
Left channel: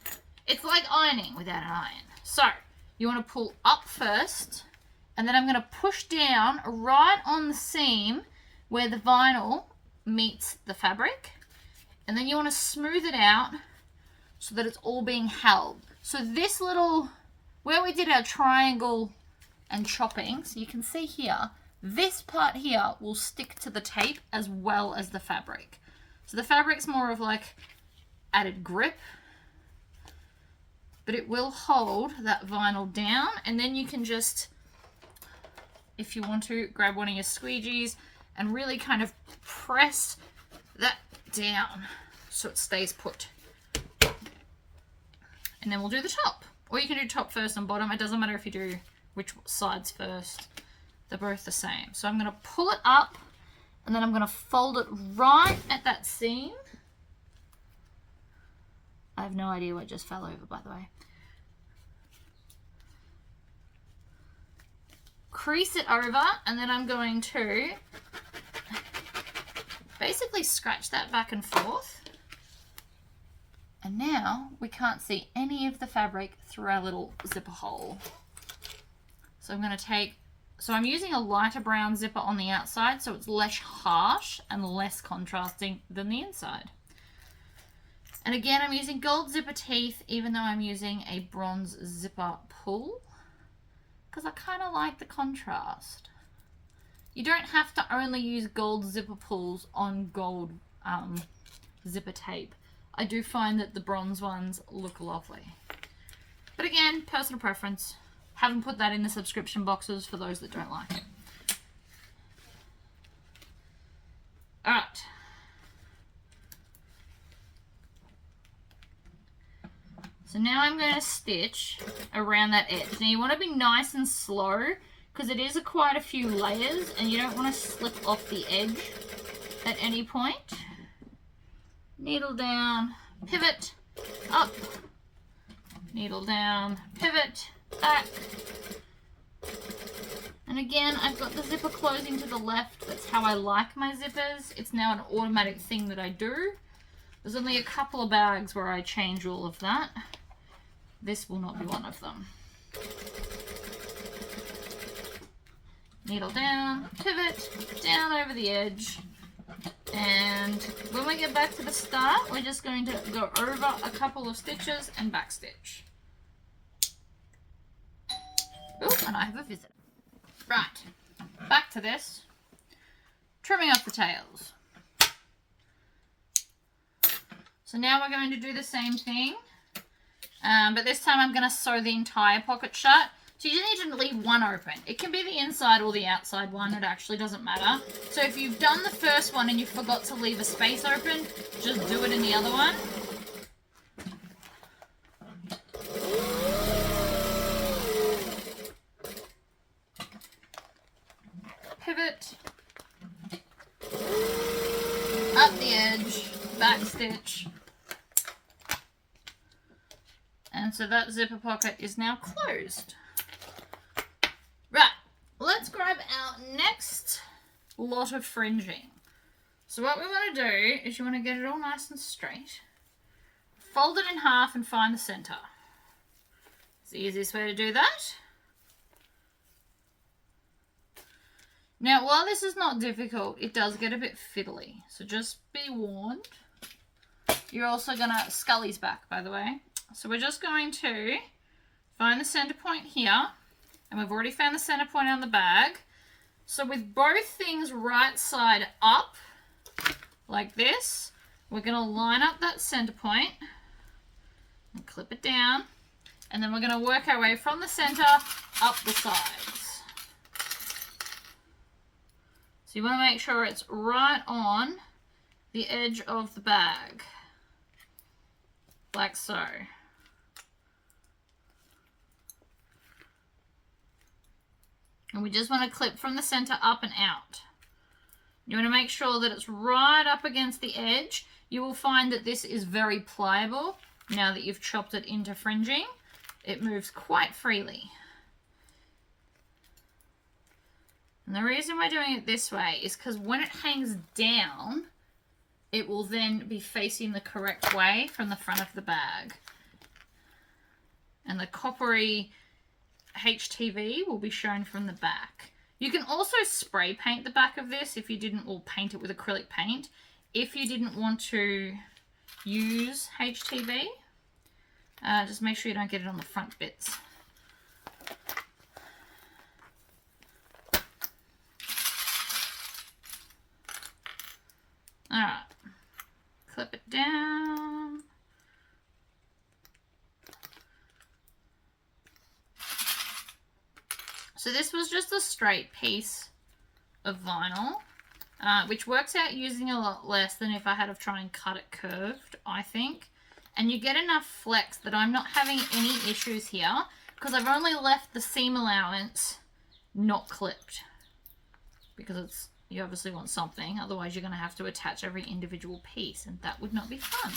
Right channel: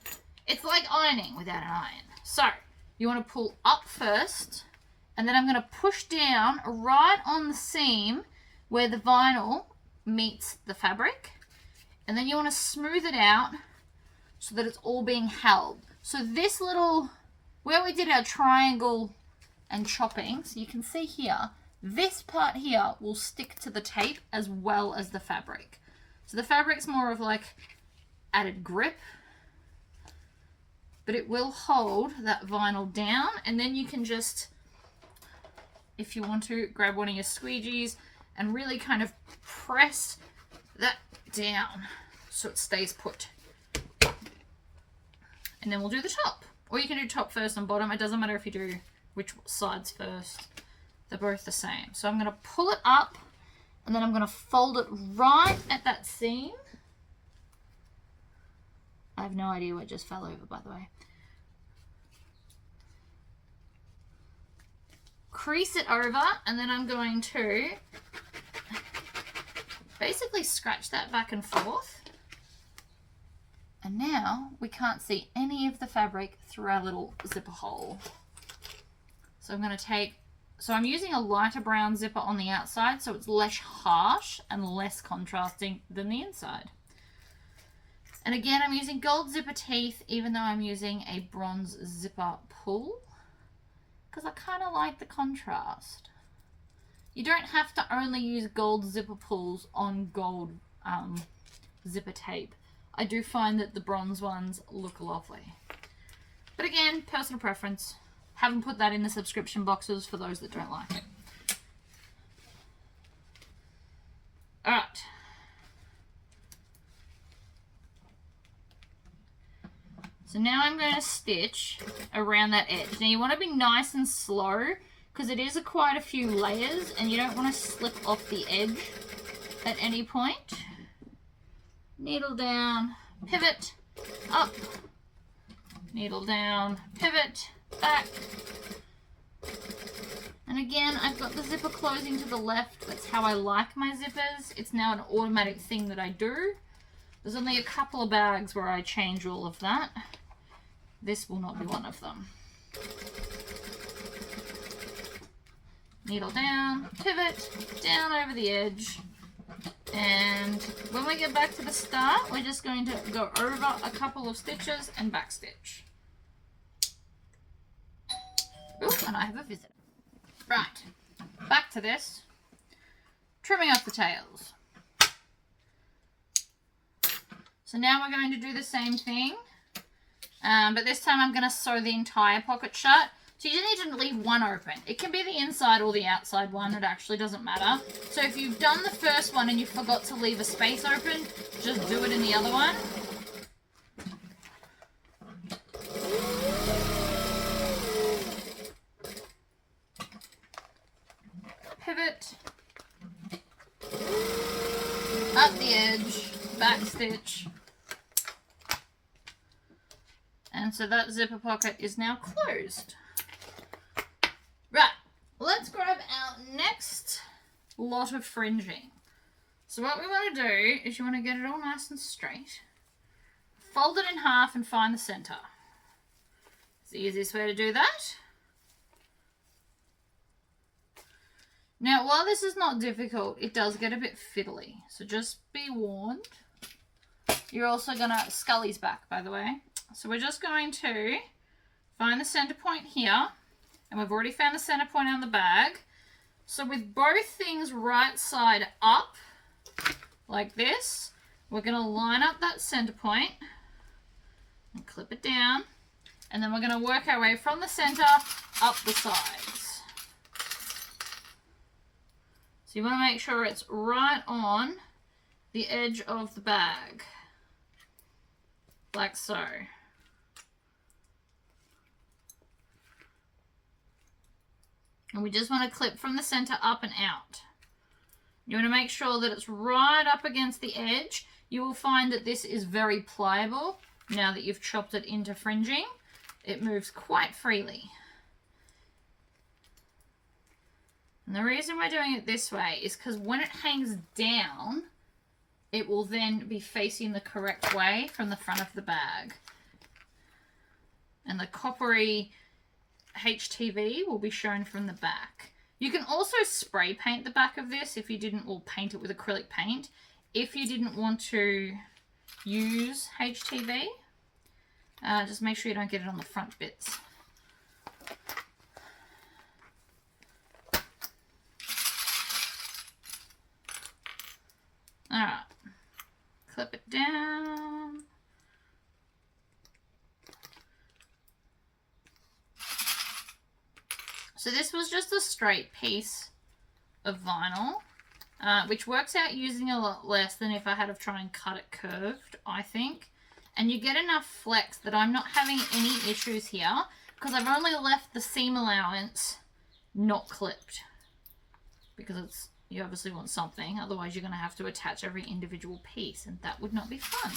It's like ironing without an iron. So you want to pull up first, and then I'm going to push down right on the seam where the vinyl meets the fabric, and then you want to smooth it out so that it's all being held. So this little, where we did our triangle and chopping, so you can see here, this part here will stick to the tape as well as the fabric. So the fabric's more of like added grip, but it will hold that vinyl down, and then you can just, if you want to, grab one of your squeegees and really kind of press that down so it stays put. And then we'll do the top. Or you can do top first and bottom. It doesn't matter if you do which sides first. They're both the same. So I'm going to pull it up, and then I'm going to fold it right at that seam. I have no idea what just fell over, by the way. Crease it over, and then I'm going to basically scratch that back and forth. And now we can't see any of the fabric through our little zipper hole. So I'm going to take, so I'm using a lighter brown zipper on the outside, so it's less harsh and less contrasting than the inside. And again, I'm using gold zipper teeth, even though I'm using a bronze zipper pull, because I kind of like the contrast. You don't have to only use gold zipper pulls on gold zipper tape. I do find that the bronze ones look lovely. But again, personal preference. Haven't put that in the subscription boxes for those that don't like it. Alright. So now I'm going to stitch around that edge. Now you want to be nice and slow because it is quite a few layers and you don't want to slip off the edge at any point. Needle down, pivot, up, needle down, pivot, back. And again, I've got the zipper closing to the left. That's how I like my zippers. It's now an automatic thing that I do. There's only a couple of bags where I change all of that. This will not be one of them. Needle down, pivot, down over the edge. And when we get back to the start, we're just going to go over a couple of stitches and back stitch. Oh, and I have a visitor. Right, back to this. Trimming off the tails. So now we're going to do the same thing, but this time I'm going to sew the entire pocket shut. So you just need to leave one open. It can be the inside or the outside one. It actually doesn't matter. So if you've done the first one and you forgot to leave a space open, just do it in the other one. Pivot. Up the edge. Back stitch. And so that zipper pocket is now closed. Right, let's grab our next lot of fringing. So what we want to do is you want to get it all nice and straight. Fold it in half and find the center. It's the easiest way to do that. Now, while this is not difficult, it does get a bit fiddly. So just be warned. you're also going to, Scully's back, by the way. So we're just going to find the center point here. And we've already found the center point on the bag. So with both things right side up, like this, we're going to line up that center point and clip it down. And then we're going to work our way from the center up the sides. So you want to make sure it's right on the edge of the bag, like so. And we just want to clip from the center up and out. You want to make sure that it's right up against the edge. You will find that this is very pliable now that you've chopped it into fringing. It moves quite freely. And the reason we're doing it this way is because when it hangs down, it will then be facing the correct way from the front of the bag. And the coppery HTV will be shown from the back. You can also spray paint the back of this if you didn't, or paint it with acrylic paint if you didn't want to use HTV. Just make sure you don't get it on the front bits. Alright, clip it down. So this was just a straight piece of vinyl, which works out using a lot less than if I had to try and cut it curved, I think. And you get enough flex that I'm not having any issues here because I've only left the seam allowance not clipped. Because you obviously want something, otherwise you're going to have to attach every individual piece and that would not be fun.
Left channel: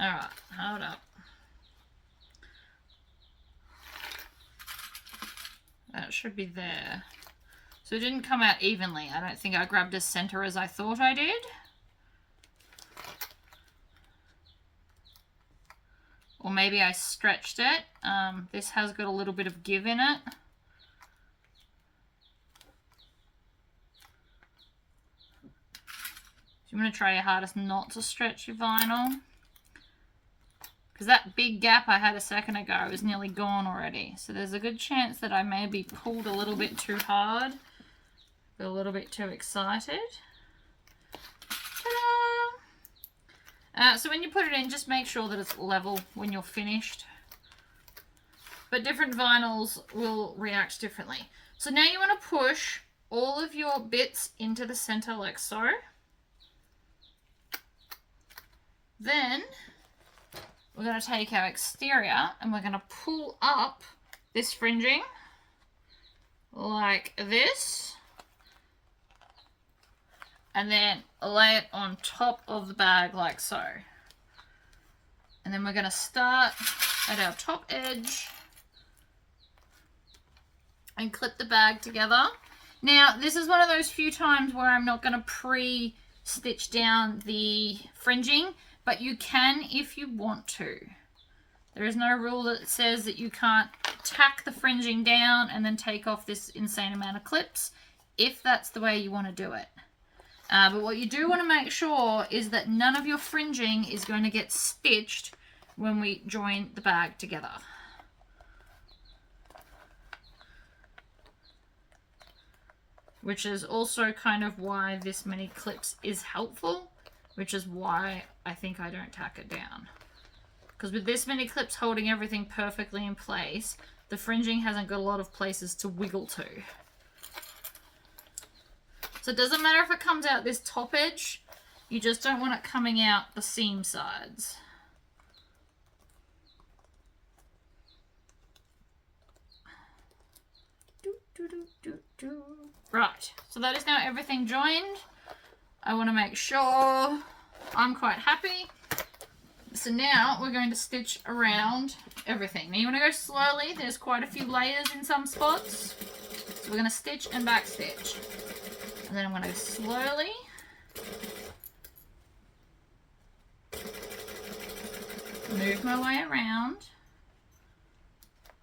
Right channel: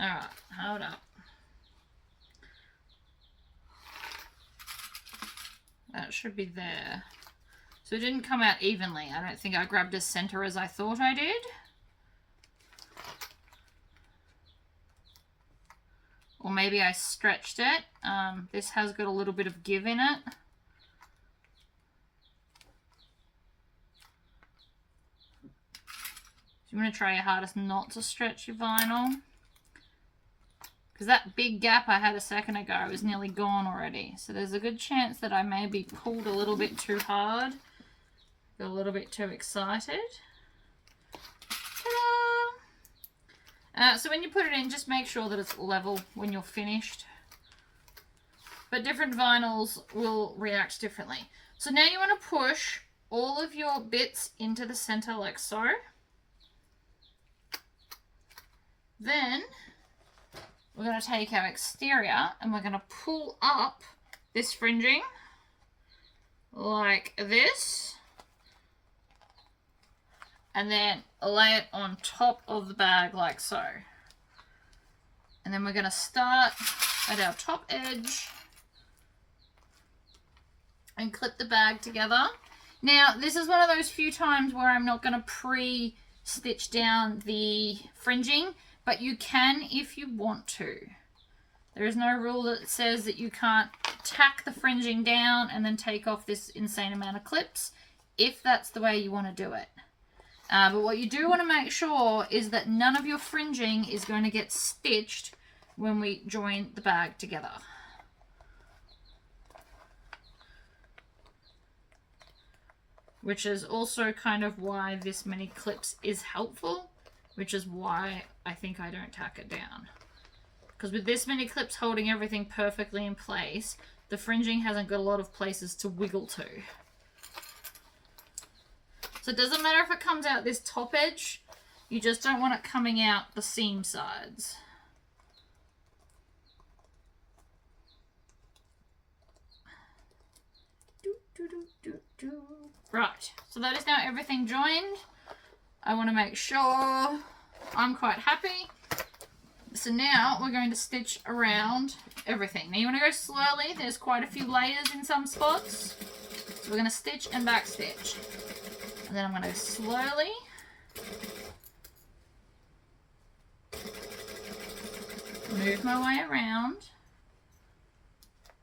Alright, hold up. That should be there. So it didn't come out evenly. I don't think I grabbed as center as I thought I did. Or maybe I stretched it. This has got a little bit of give in it. So you want to try your hardest not to stretch your vinyl. Because that big gap I had a second ago is nearly gone already. So there's a good chance that I maybe pulled a little bit too hard. Got a little bit too excited. Ta-da! So when you put it in, just make sure that it's level when you're finished. But different vinyls will react differently. So now you want to push all of your bits into the center like so. Then we're going to take our exterior and we're going to pull up this fringing like this and then lay it on top of the bag like so. And then we're going to start at our top edge and clip the bag together. Now this is one of those few times where I'm not going to pre-stitch down the fringing, but you can if you want to. There is no rule that says that you can't tack the fringing down and then take off this insane amount of clips if that's the way you want to do it. But what you do want to make sure is that none of your fringing is going to get stitched when we join the bag together. Which is also kind of why this many clips is helpful. Which is why I think I don't tack it down. Because with this many clips holding everything perfectly in place, the fringing hasn't got a lot of places to wiggle to. So it doesn't matter if it comes out this top edge, you just don't want it coming out the seam sides. Right, so that is now everything joined. I want to make sure I'm quite happy. So now we're going to stitch around everything. Now you want to go slowly. There's quite a few layers in some spots. So we're going to stitch and back stitch. And then I'm going to slowly move my way around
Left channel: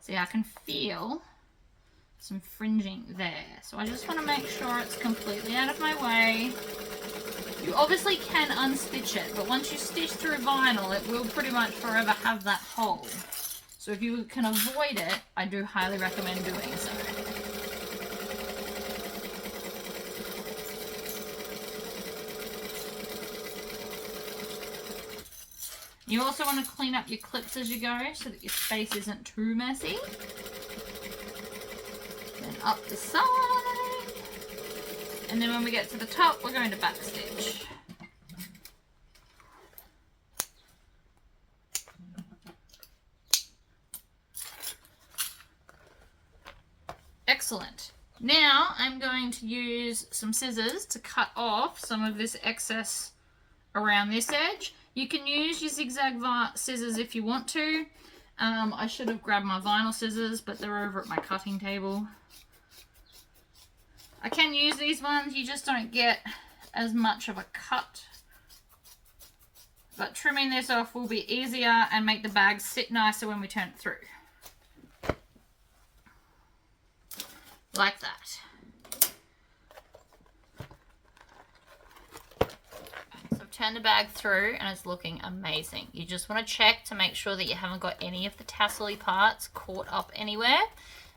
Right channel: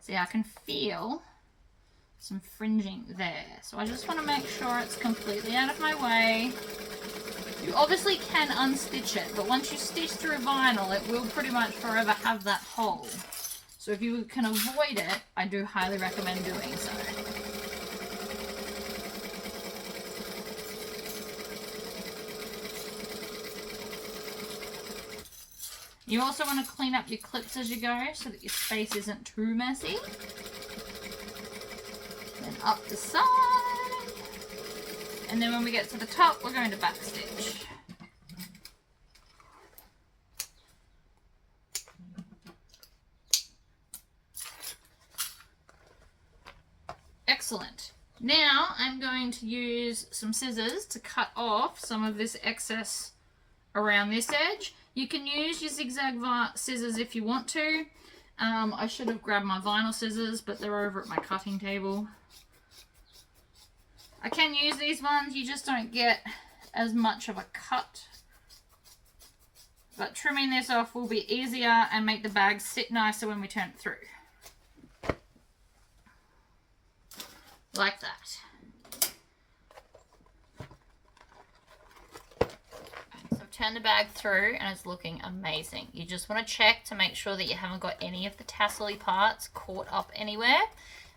See, I can feel some fringing there. So I just want to make sure it's completely out of my way. You obviously can unstitch it, but once you stitch through vinyl, it will pretty much forever have that hole. So if you can avoid it, I do highly recommend doing so. You also want to clean up your clips as you go so that your space isn't too messy. Then up the side. And then when we get to the top, we're going to backstitch. Excellent. Now I'm going to use some scissors to cut off some of this excess around this edge. You can use your zigzag scissors if you want to. I should have grabbed my vinyl scissors, but they're over at my cutting table. I can use these ones, you just don't get as much of a cut. But trimming this off will be easier and make the bag sit nicer when we turn it through. Like that. So I've turned the bag through and it's looking amazing. You just want to check to make sure that you haven't got any of the tassel-y parts caught up anywhere.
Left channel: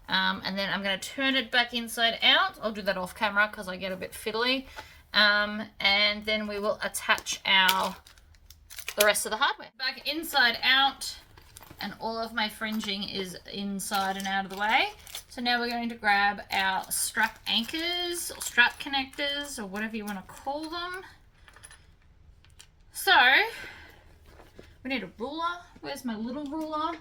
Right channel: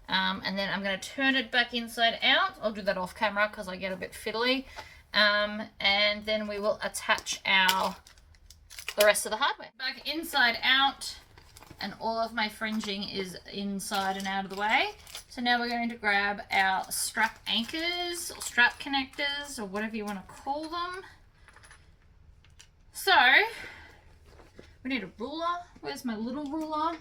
And then I'm going to turn it back inside out. I'll do that off camera because I get a bit fiddly. And then we will attach the rest of the hardware. Back inside out, and all of my fringing is inside and out of the way. So now we're going to grab our strap anchors or strap connectors or whatever you want to call them. So we need a ruler. Where's my little ruler?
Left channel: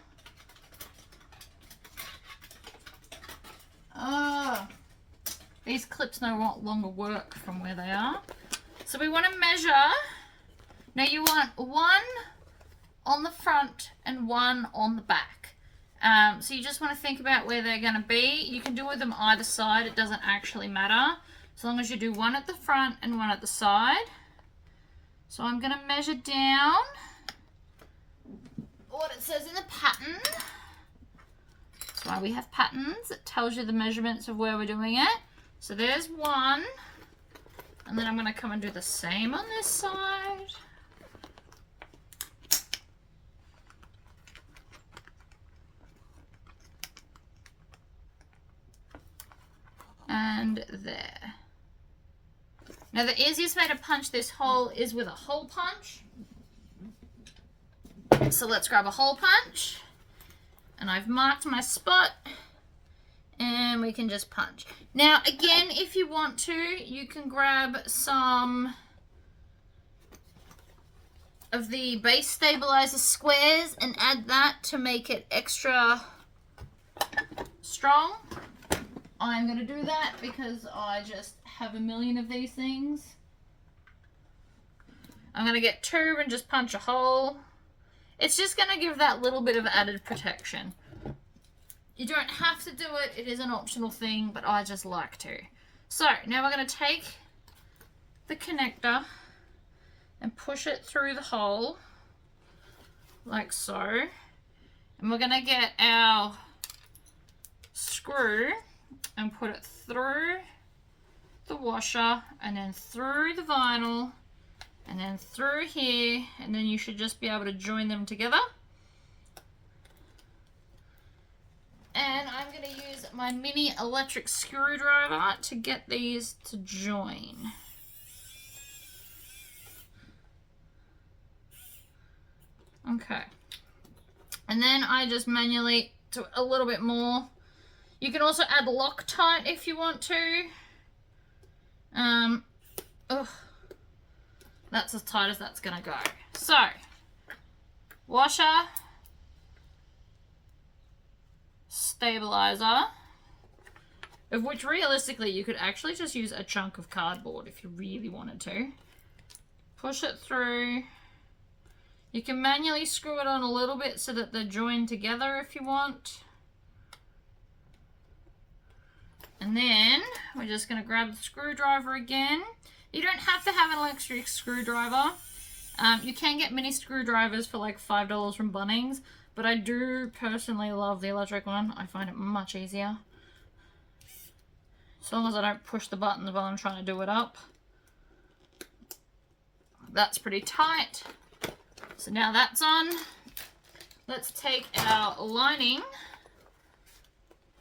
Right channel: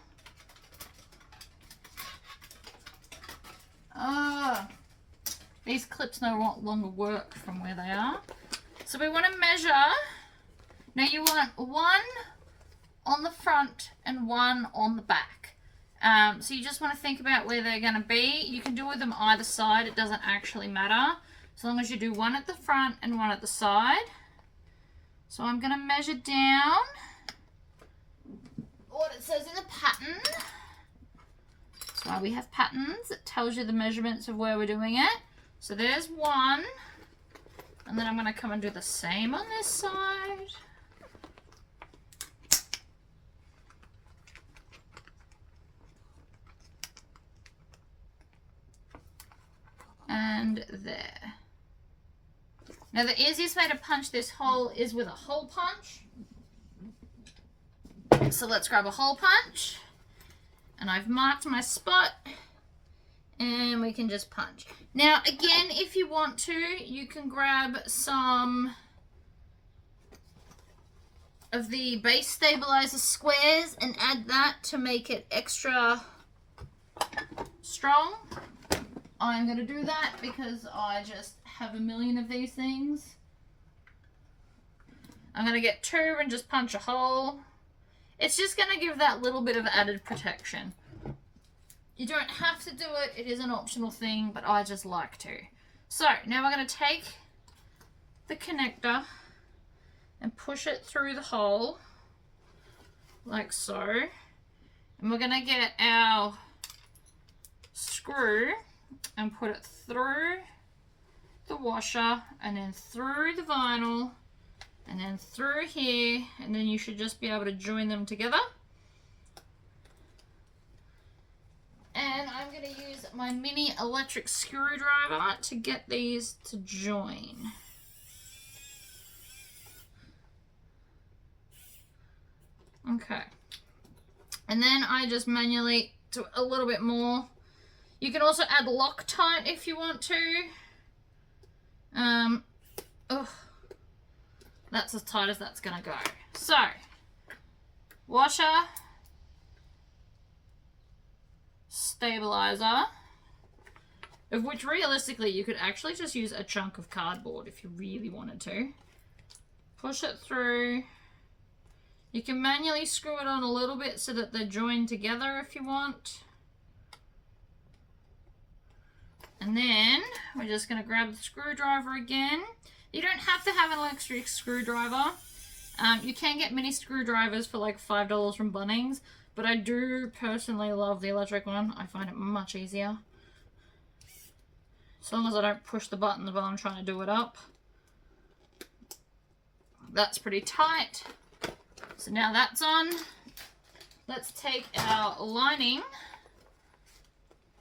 These clips no longer work from where they are. So we want to measure. Now you want one on the front and one on the back. So you just want to think about where they're going to be. You can do with them either side. It doesn't actually matter. As long as you do one at the front and one at the side. So I'm going to measure down what it says in the pattern. That's why we have patterns. It tells you the measurements of where we're doing it. So there's one. And then I'm going to come and do the same on this side. And there. Now the easiest way to punch this hole is with a hole punch. So let's grab a hole punch. And I've marked my spot. And we can just punch. Now again, if you want to, you can grab some of the base stabilizer squares and add that to make it extra strong. I'm going to do that because I just have a million of these things. I'm going to get two and just punch a hole. It's just going to give that little bit of added protection. You don't have to do it. It is an optional thing, but I just like to. So now we're going to take the connector and push it through the hole like so. And we're going to get our screw and put it through the washer and then through the vinyl and then through here, and then you should just be able to join them together. And I'm going to use my mini electric screwdriver to get these to join. Okay. And then I just manually do a little bit more. You can also add Loctite if you want to. That's as tight as that's going to go. So, washer, stabilizer, of which realistically you could actually just use a chunk of cardboard if you really wanted to. Push it through. You can manually screw it on a little bit so that they're joined together if you want. And then we're just going to grab the screwdriver again. You don't have to have an electric screwdriver. You can get mini screwdrivers for like $5 from Bunnings, but I do personally love the electric one. I find it much easier. As long as I don't push the buttons while I'm trying to do it up. That's pretty tight. So now that's on. Let's take our lining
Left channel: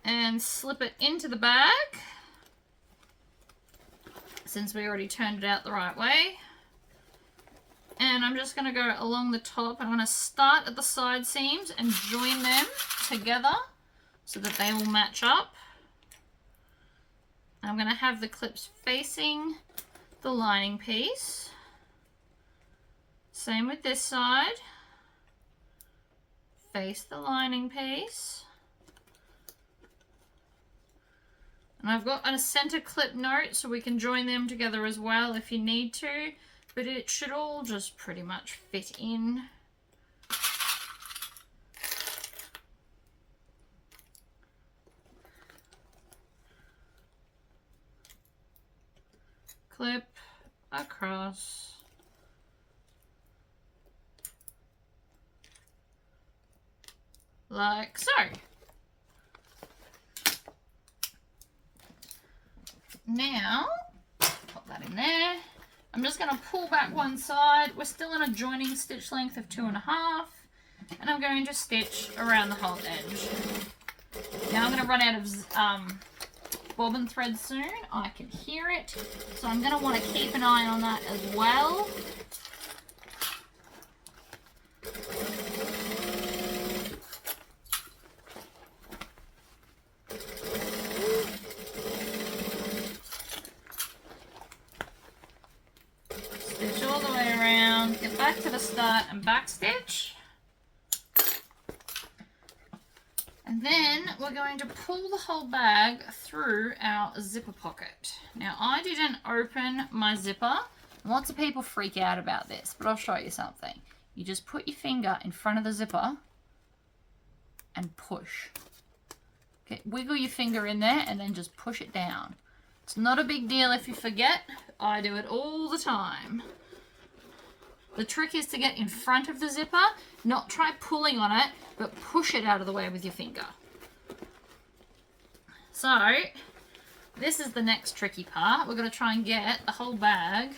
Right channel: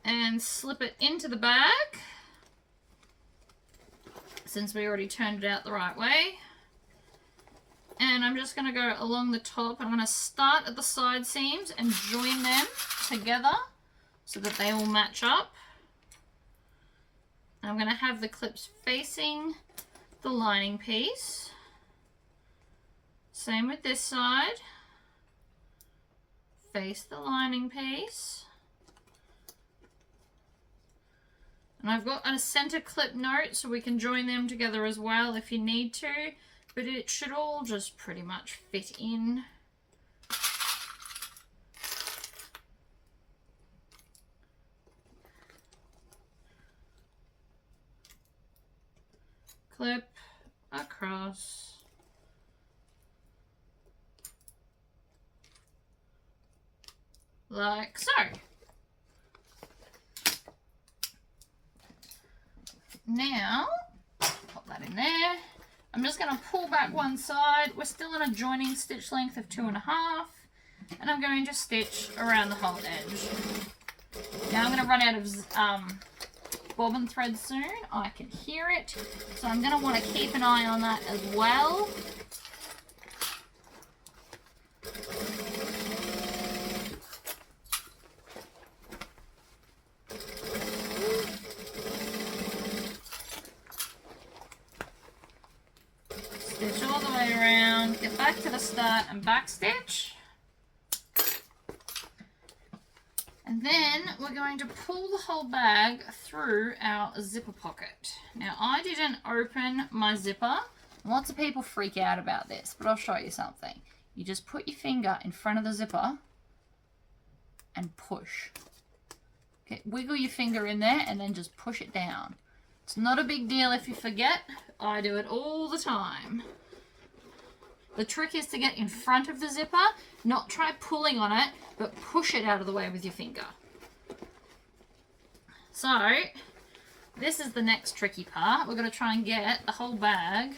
and slip it into the bag, since we already turned it out the right way. And I'm just going to go along the top. I'm going to start at the side seams and join them together so that they will match up. I'm going to have the clips facing the lining piece. Same with this side. Face the lining piece. And I've got a center clip note so we can join them together as well if you need to, but it should all just pretty much fit in. Clip across. Like so. Now, pop that in there. I'm just going to pull back one side. We're still in a joining stitch length of 2.5, and I'm going to stitch around the whole edge. Now I'm going to run out of bobbin thread soon. I can hear it, so I'm going to want to keep an eye on that as well. Stitch all the way around, get back to the start and back stitch. And then we're going to pull the whole bag through our zipper pocket. Now I didn't open my zipper. Lots of people freak out about this, but I'll show you something. You just put your finger in front of the zipper and push. Okay, wiggle your finger in there and then just push it down. It's not a big deal if you forget. I do it all the time. The trick is to get in front of the zipper, not try pulling on it, but push it out of the way with your finger. So, this is the next tricky part. We're going to try and get the whole bag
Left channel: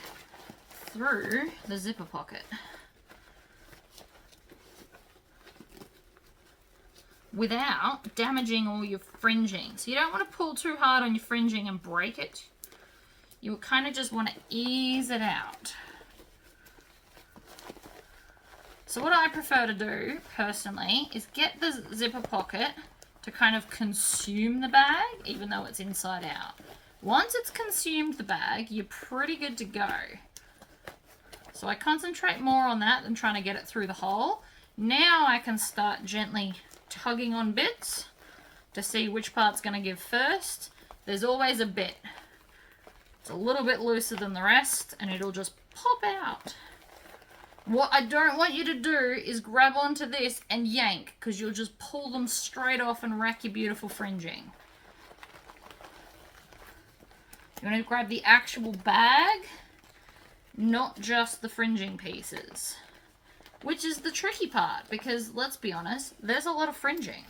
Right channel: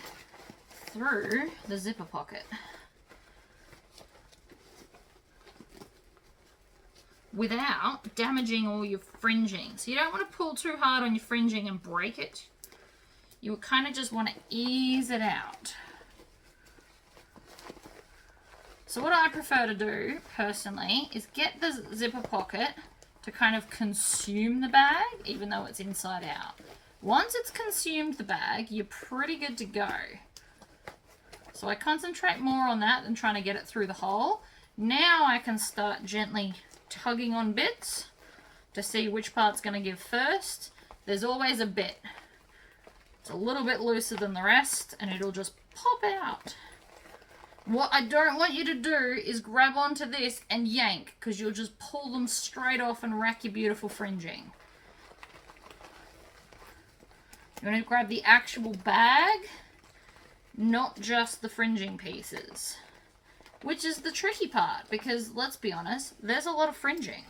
through the zipper pocket without damaging all your fringing. So you don't want to pull too hard on your fringing and break it. You kind of just want to ease it out. So what I prefer to do, personally, is get the zipper pocket to kind of consume the bag, even though it's inside out. Once it's consumed the bag, you're pretty good to go. So I concentrate more on that than trying to get it through the hole. Now I can start gently tugging on bits to see which part's going to give first. There's always a bit. It's a little bit looser than the rest, and it'll just pop out. What I don't want you to do is grab onto this and yank, because you'll just pull them straight off and wreck your beautiful fringing. You want to grab the actual bag, not just the fringing pieces. Which is the tricky part, because let's be honest, there's a lot of fringing.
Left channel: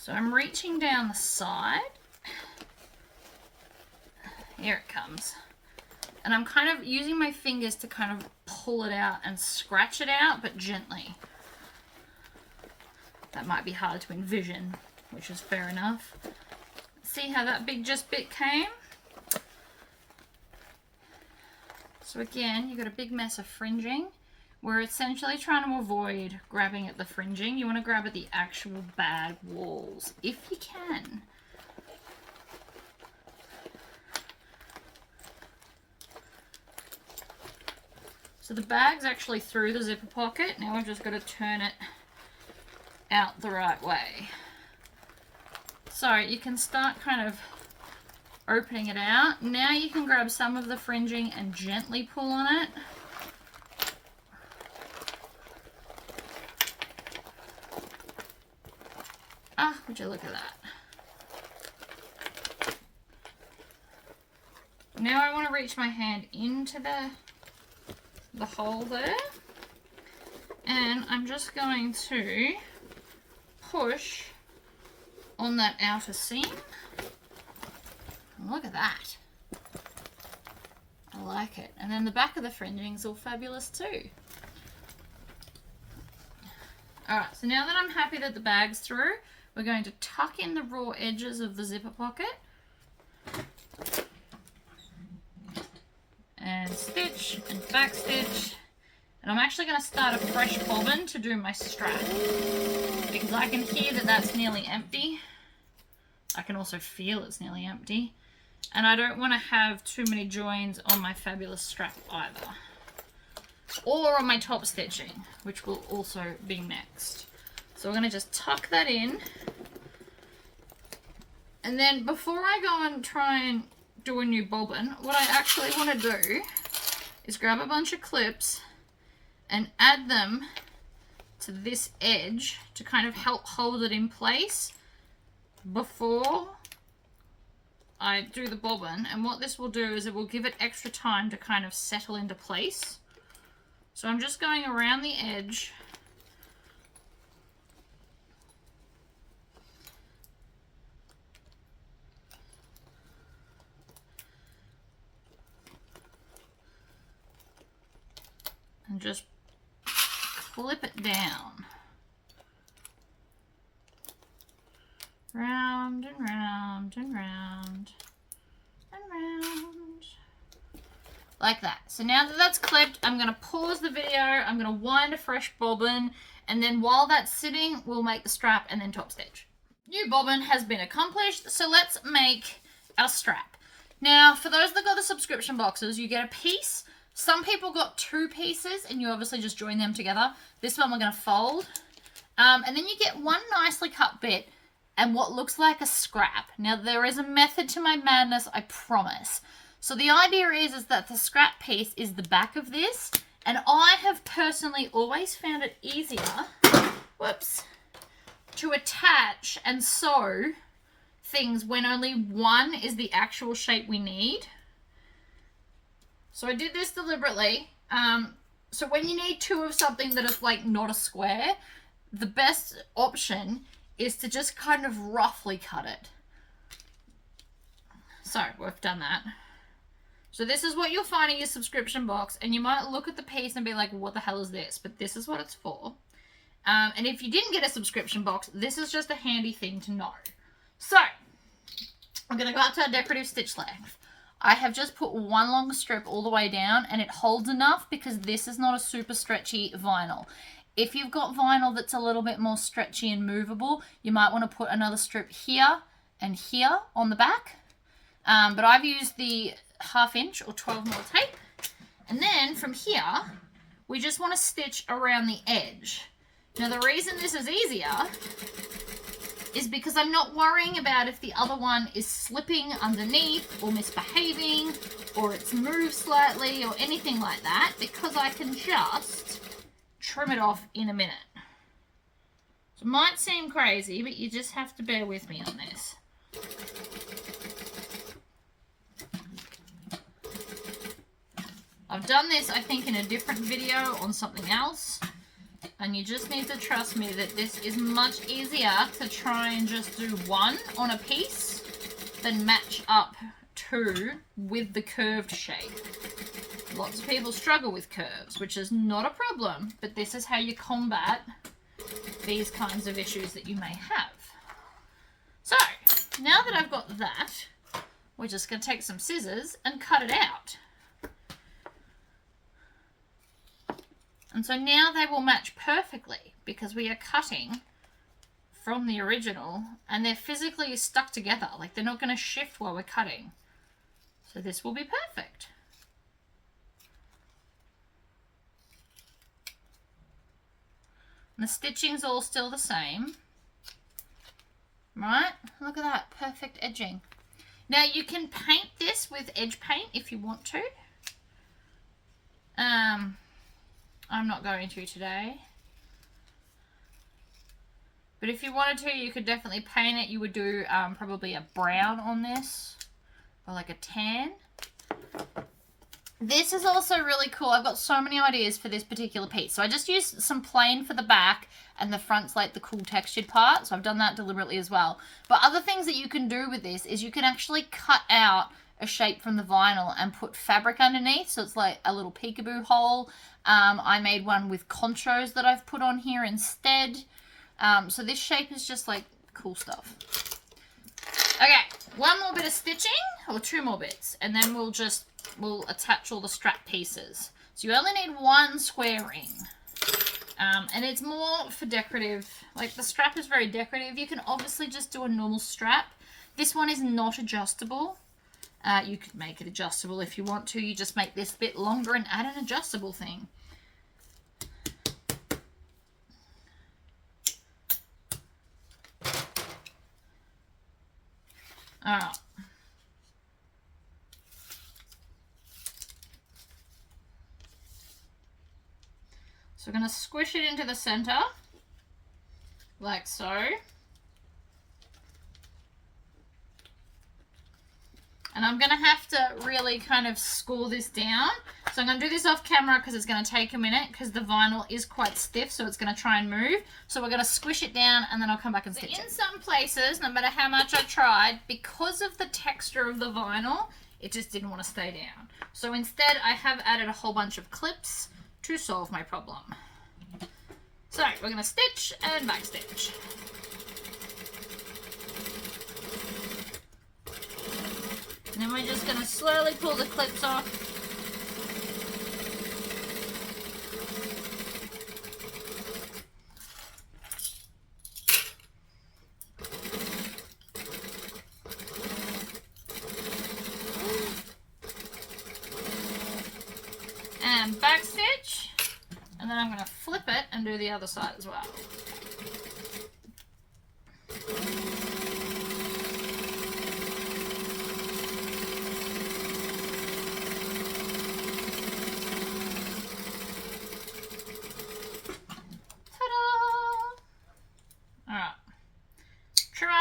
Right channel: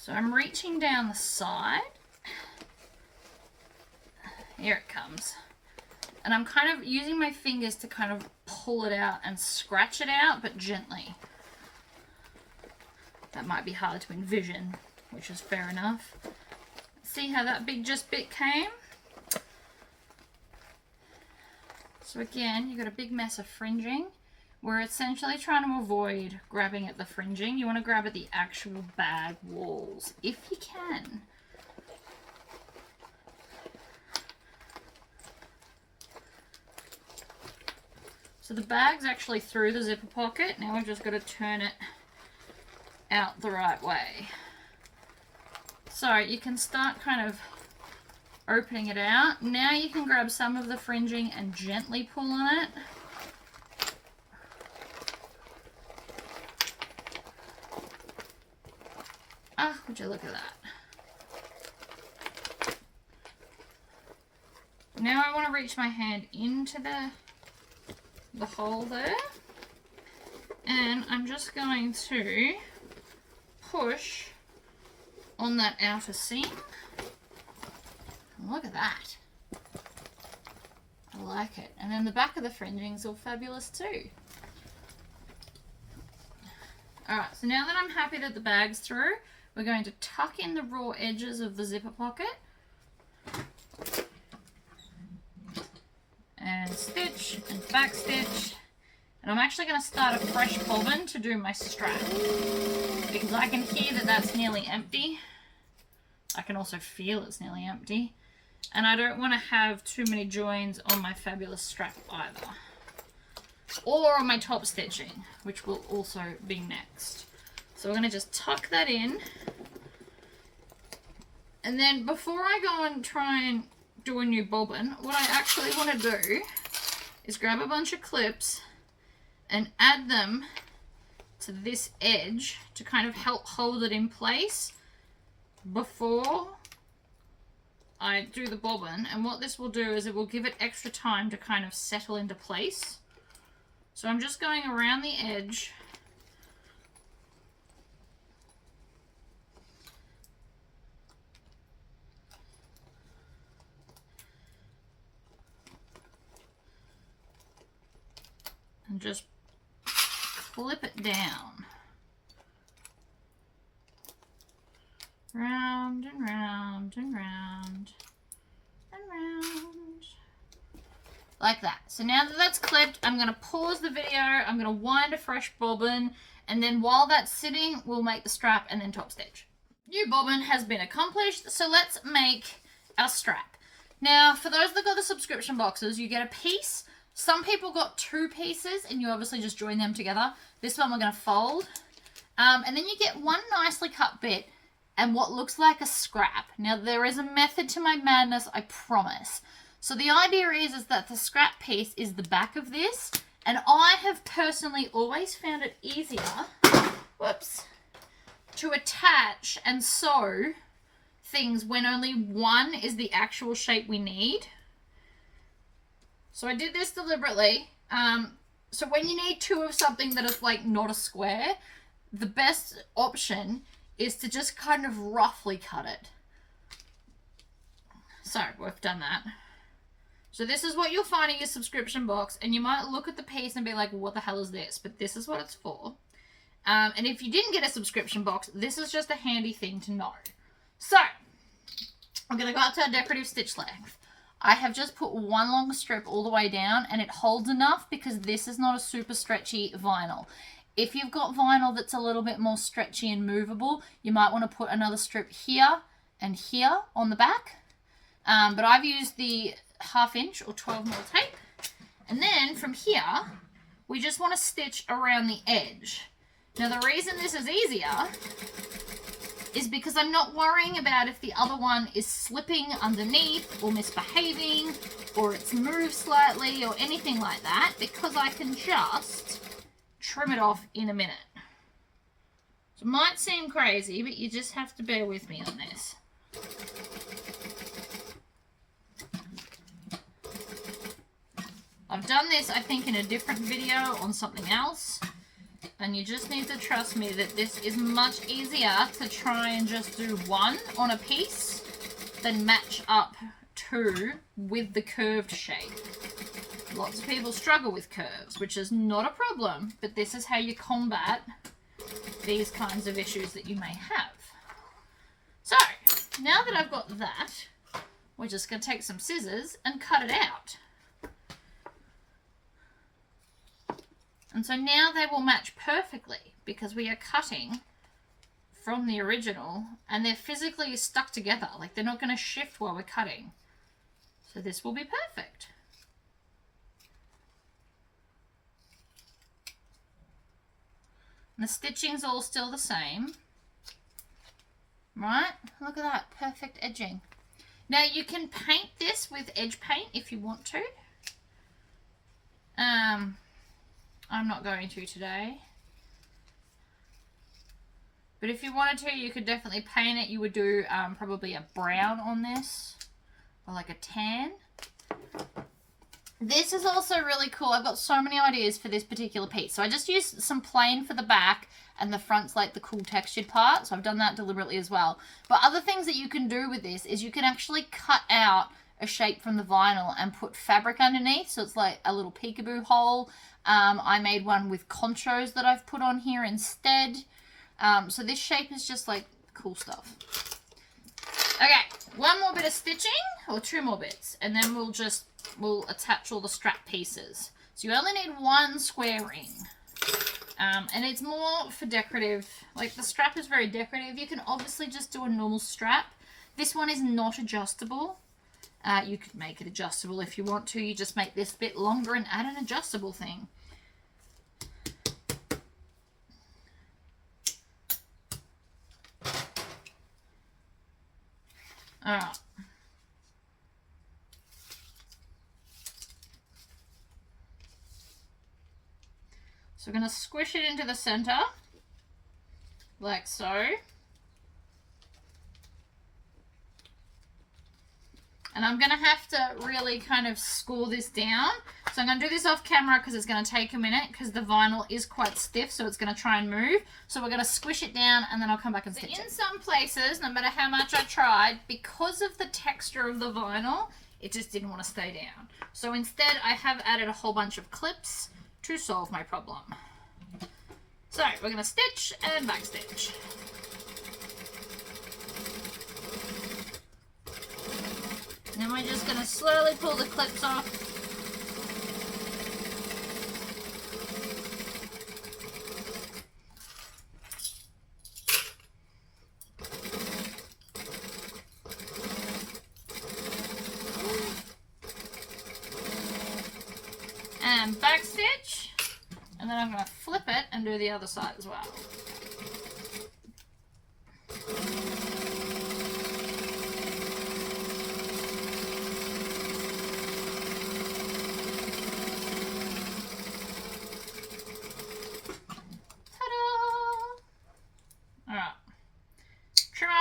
So I'm reaching down the side. Here it comes. And I'm kind of using my fingers to kind of pull it out and scratch it out, but gently. That might be hard to envision, which is fair enough. See how that bit came? So again, you've got a big mess of fringing. We're essentially trying to avoid grabbing at the fringing. You want to grab at the actual bag walls, if you can. So the bag's actually through the zipper pocket. Now we've just got to turn it out the right way. So you can start kind of opening it out. Now you can grab some of the fringing and gently pull on it. Ah, would you look at that. Now I want to reach my hand into the hole there, and I'm just going to push on that outer seam. Look at that. I like it. And then the back of the fringing's all fabulous too. Alright, so now that I'm happy that the bag's through, we're going to tuck in the raw edges of the zipper pocket. And stitch and back stitch. And I'm actually going to start a fresh bobbin to do my strap, because I can hear that that's nearly empty. I can also feel it's nearly empty. And I don't want to have too many joins on my fabulous strap either. Or on my top stitching, which will also be next. So we're going to just tuck that in. And then before I go and try and do a new bobbin, what I actually want to do is grab a bunch of clips and add them to this edge to kind of help hold it in place before I do the bobbin. And what this will do is it will give it extra time to kind of settle into place. So I'm just going around the edge and just flip it down. Round and round and round and round. Like that. So now that that's clipped, I'm going to pause the video, I'm going to wind a fresh bobbin, and then while that's sitting, we'll make the strap and then top stitch. New bobbin has been accomplished, so let's make our strap. Now, for those that got the subscription boxes, you get a piece. Some people got 2 pieces, and you obviously just join them together. This one we're going to fold. And then you get one nicely cut bit and what looks like a scrap. Now, there is a method to my madness, I promise. So the idea is that the scrap piece is the back of this, and I have personally always found it easier, whoops, to attach and sew things when only one is the actual shape we need. So I did this deliberately. So when you need 2 of something that is like not a square, the best option is to just kind of roughly cut it. So we've done that. So this is what you'll find in your subscription box, and you might look at the piece and be like, what the hell is this? But this is what it's for. And if you didn't get a subscription box, this is just a handy thing to know. So I'm going to go up to our decorative stitch length. I have just put one long strip all the way down, and it holds enough because this is not a super stretchy vinyl. If you've got vinyl that's a little bit more stretchy and movable, you might want to put another strip here and here on the back. But I've used the 1/2 inch or 12mm tape. And then from here, we just want to stitch around the edge. Now the reason this is easier is because I'm not worrying about if the other one is slipping underneath or misbehaving or it's moved slightly or anything like that, because I can just trim it off in a minute. So it might seem crazy, but you just have to bear with me on this. I've done this, I think, in a different video on something else, and you just need to trust me that this is much easier to try and just do one on a piece than match up 2 with the curved shape. Lots of people struggle with curves, which is not a problem, but this is how you combat these kinds of issues that you may have. So, now that I've got that, we're just going to take some scissors and cut it out. And so now they will match perfectly because we are cutting from the original and they're physically stuck together. Like, they're not going to shift while we're cutting. So this will be perfect. And the stitching's all still the same. Right? Look at that. Perfect edging. Now you can paint this with edge paint if you want to. I'm not going to today. But if you wanted to, you could definitely paint it. You would do probably a brown on this, or like a tan. This is also really cool. I've got so many ideas for this particular piece. So I just used some plain for the back, and the front's like the cool textured part. So I've done that deliberately as well. But other things that you can do with this is you can actually cut out a shape from the vinyl and put fabric underneath. So it's like a little peekaboo hole. I made one with conchos that I've put on here instead. So this shape is just like cool stuff. Okay, one more bit of stitching, or two more bits, and then we'll attach all the strap pieces. So you only need one square ring. And it's more for decorative. Like, the strap is very decorative. You can obviously just do a normal strap. This one is not adjustable. You could make it adjustable if you want to. You just make this bit longer and add an adjustable thing. Alright. So we're going to squish it into the center, like so. And I'm going to have to really kind of score this down. So I'm going to do this off camera because it's going to take a minute because the vinyl is quite stiff, so it's going to try and move. So we're going to squish it down and then I'll come back and stitch it. In some places, no matter how much I tried, because of the texture of the vinyl, it just didn't want to stay down. So instead, I have added a whole bunch of clips to solve my problem. So we're going to stitch and back stitch. And then we're just going to slowly pull the clips off. And back stitch. And then I'm going to flip it and do the other side as well.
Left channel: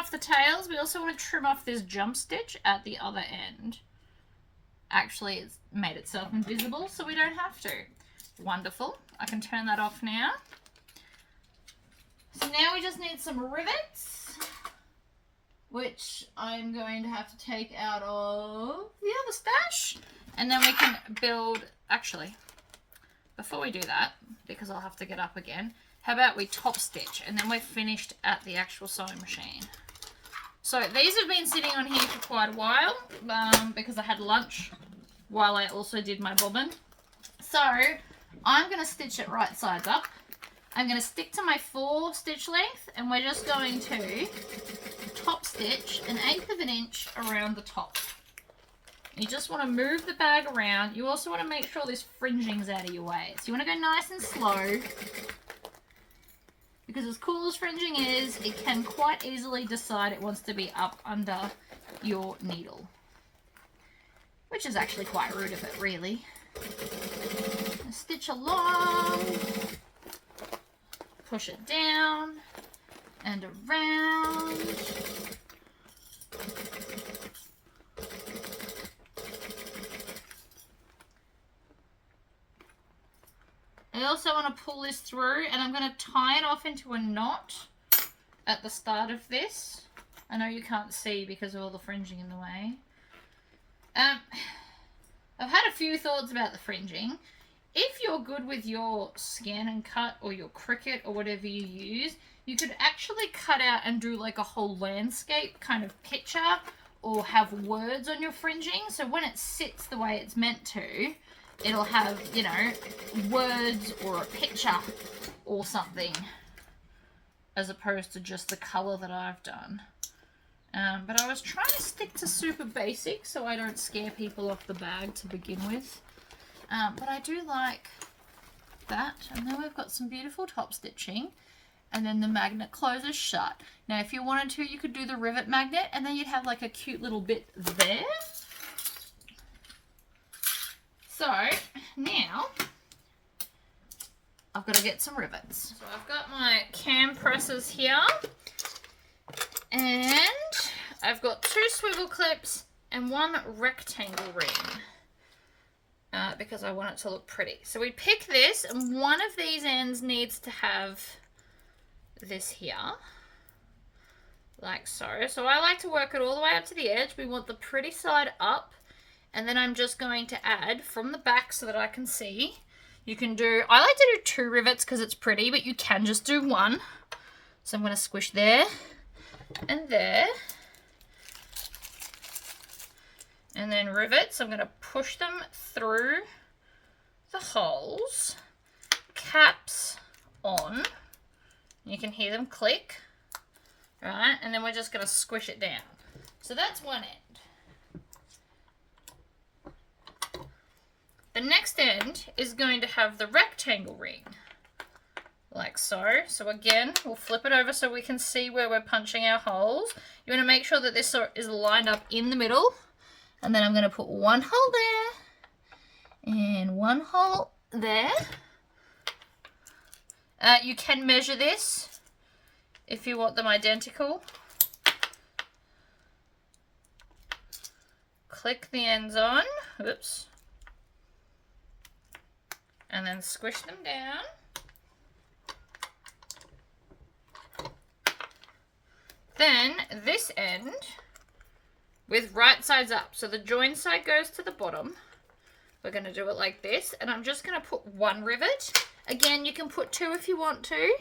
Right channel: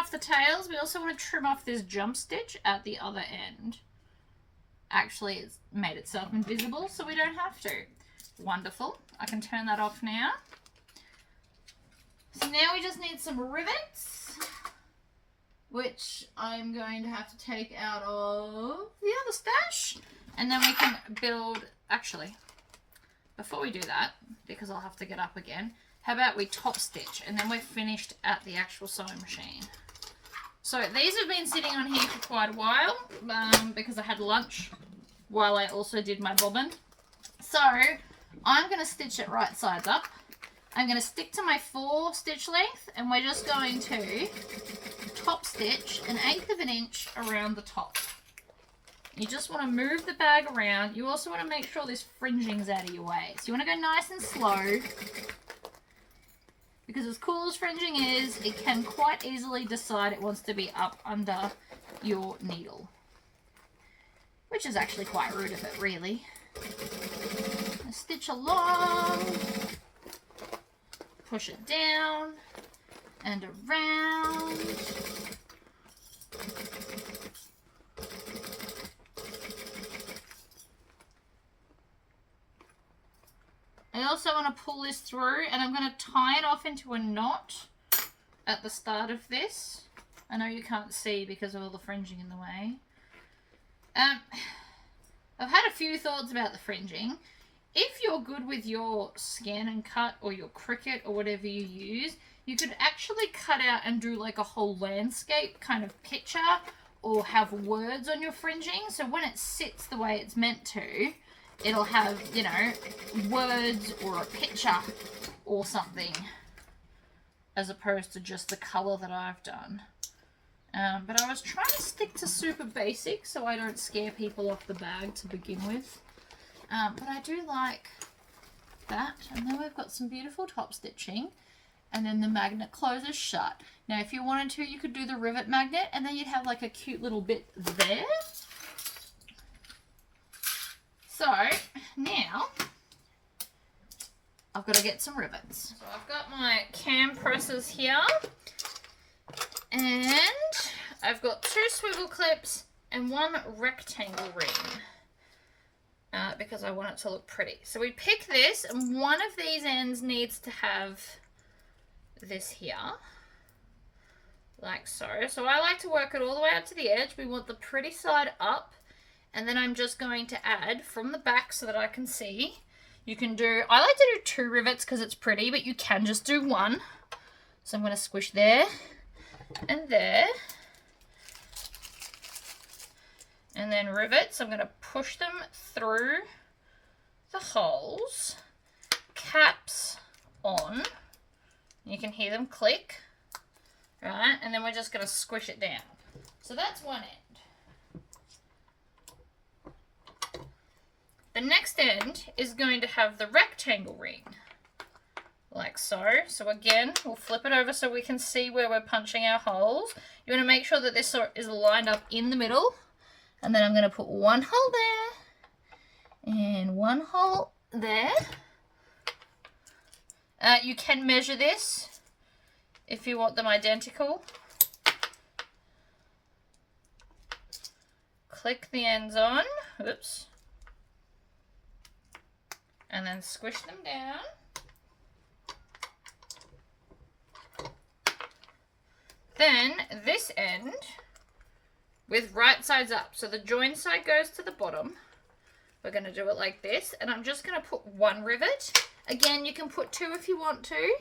The tails. We also want to trim off this jump stitch at the other end. Actually, it's made itself invisible, so we don't have to. Wonderful. I can turn that off now. So now we just need some rivets, which I'm going to have to take out of the other stash, and then we can build. Actually, before we do that, because I'll have to get up again, how about we top stitch, and then we're finished at the actual sewing machine. So these have been sitting on here for quite a while because I had lunch while I also did my bobbin. So I'm going to stitch it right sides up. I'm going to stick to my 4 stitch length, and we're just going to top stitch 1/8 of an inch around the top. You just want to move the bag around. You also want to make sure this fringing's out of your way. So you want to go nice and slow. Because as cool as fringing is, it can quite easily decide it wants to be up under your needle. Which is actually quite rude of it, really. Stitch along. Push it down. And around. I also want to pull this through, and I'm going to tie it off into a knot at the start of this. I know you can't see because of all the fringing in the way. I've had a few thoughts about the fringing. If you're good with your scan and cut or your Cricut or whatever you use, you could actually cut out and do like a whole landscape kind of picture, or have words on your fringing. So when it sits the way it's meant to, it'll have, you know, words or a picture or something, as opposed to just the colour that I've done. But I was trying to stick to super basic so I don't scare people off the bag to begin with. But I do like that. And then we've got some beautiful top stitching. and then the magnet closes shut. Now if you wanted to, you could do the rivet magnet and then you'd have like a cute little bit there. So now I've got to get some rivets. So I've got my cam presses here and I've got 2 swivel clips and 1 rectangle ring because I want it to look pretty. So we pick this and one of these ends needs to have this here, like so. So I like to work it all the way up to the edge. We want the pretty side up, and then I'm just going to add from the back so that I can see. You can do, I like to do 2 rivets because it's pretty, but you can just do 1. So I'm going to squish there and there. And then rivets, I'm going to push them through the holes, caps on. You can hear them click, right? And then we're just going to squish it down. So that's one end. The next end is going to have the rectangle ring, like so. So again, we'll flip it over so we can see where we're punching our holes. You want to make sure that this is lined up in the middle. And then I'm going to put 1 hole there and 1 hole there. You can measure this if you want them identical. Click the ends on, oops, and then squish them down. Then this end with right sides up. So the join side goes to the bottom. We're going to do it like this. And I'm just going to put 1 rivet. Again, you can put 2 if you want to.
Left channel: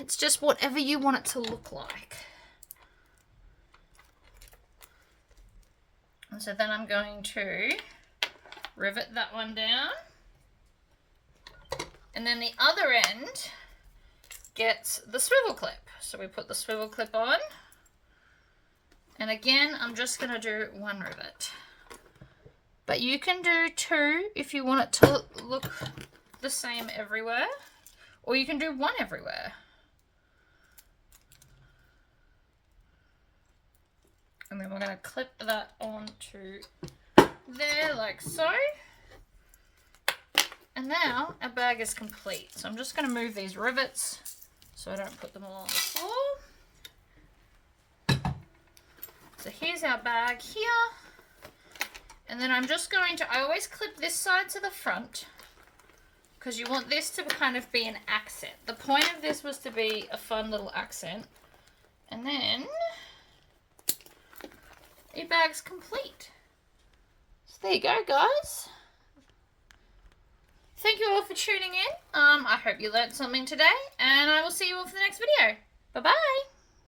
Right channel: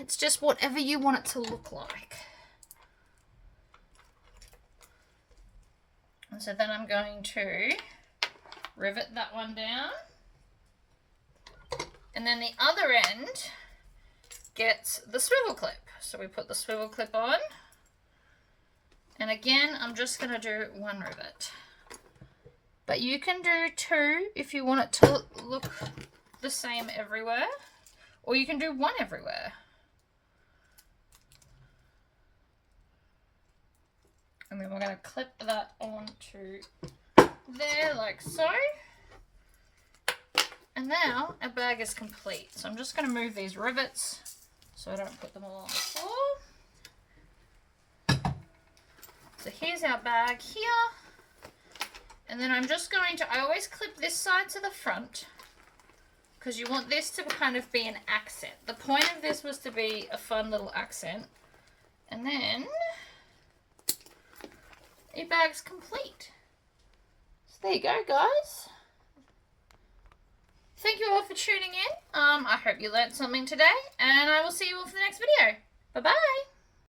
It's just whatever you want it to look like. And so then I'm going to rivet that one down. And then the other end gets the swivel clip. So we put the swivel clip on. And again, I'm just going to do 1 rivet. But you can do 2 if you want it to look the same everywhere. Or you can do 1 everywhere. And then we're going to clip that onto there like so. And now our bag is complete. So I'm just going to move these rivets so I don't put them all on the floor. So here's our bag here. And then I'm just going to, I always clip this side to the front because you want this to kind of be an accent. The point of this was to be a fun little accent. And then your bag's complete. So there you go, guys. Thank you all for tuning in. I hope you learned something today, and I will see you all for the next video. Bye-bye.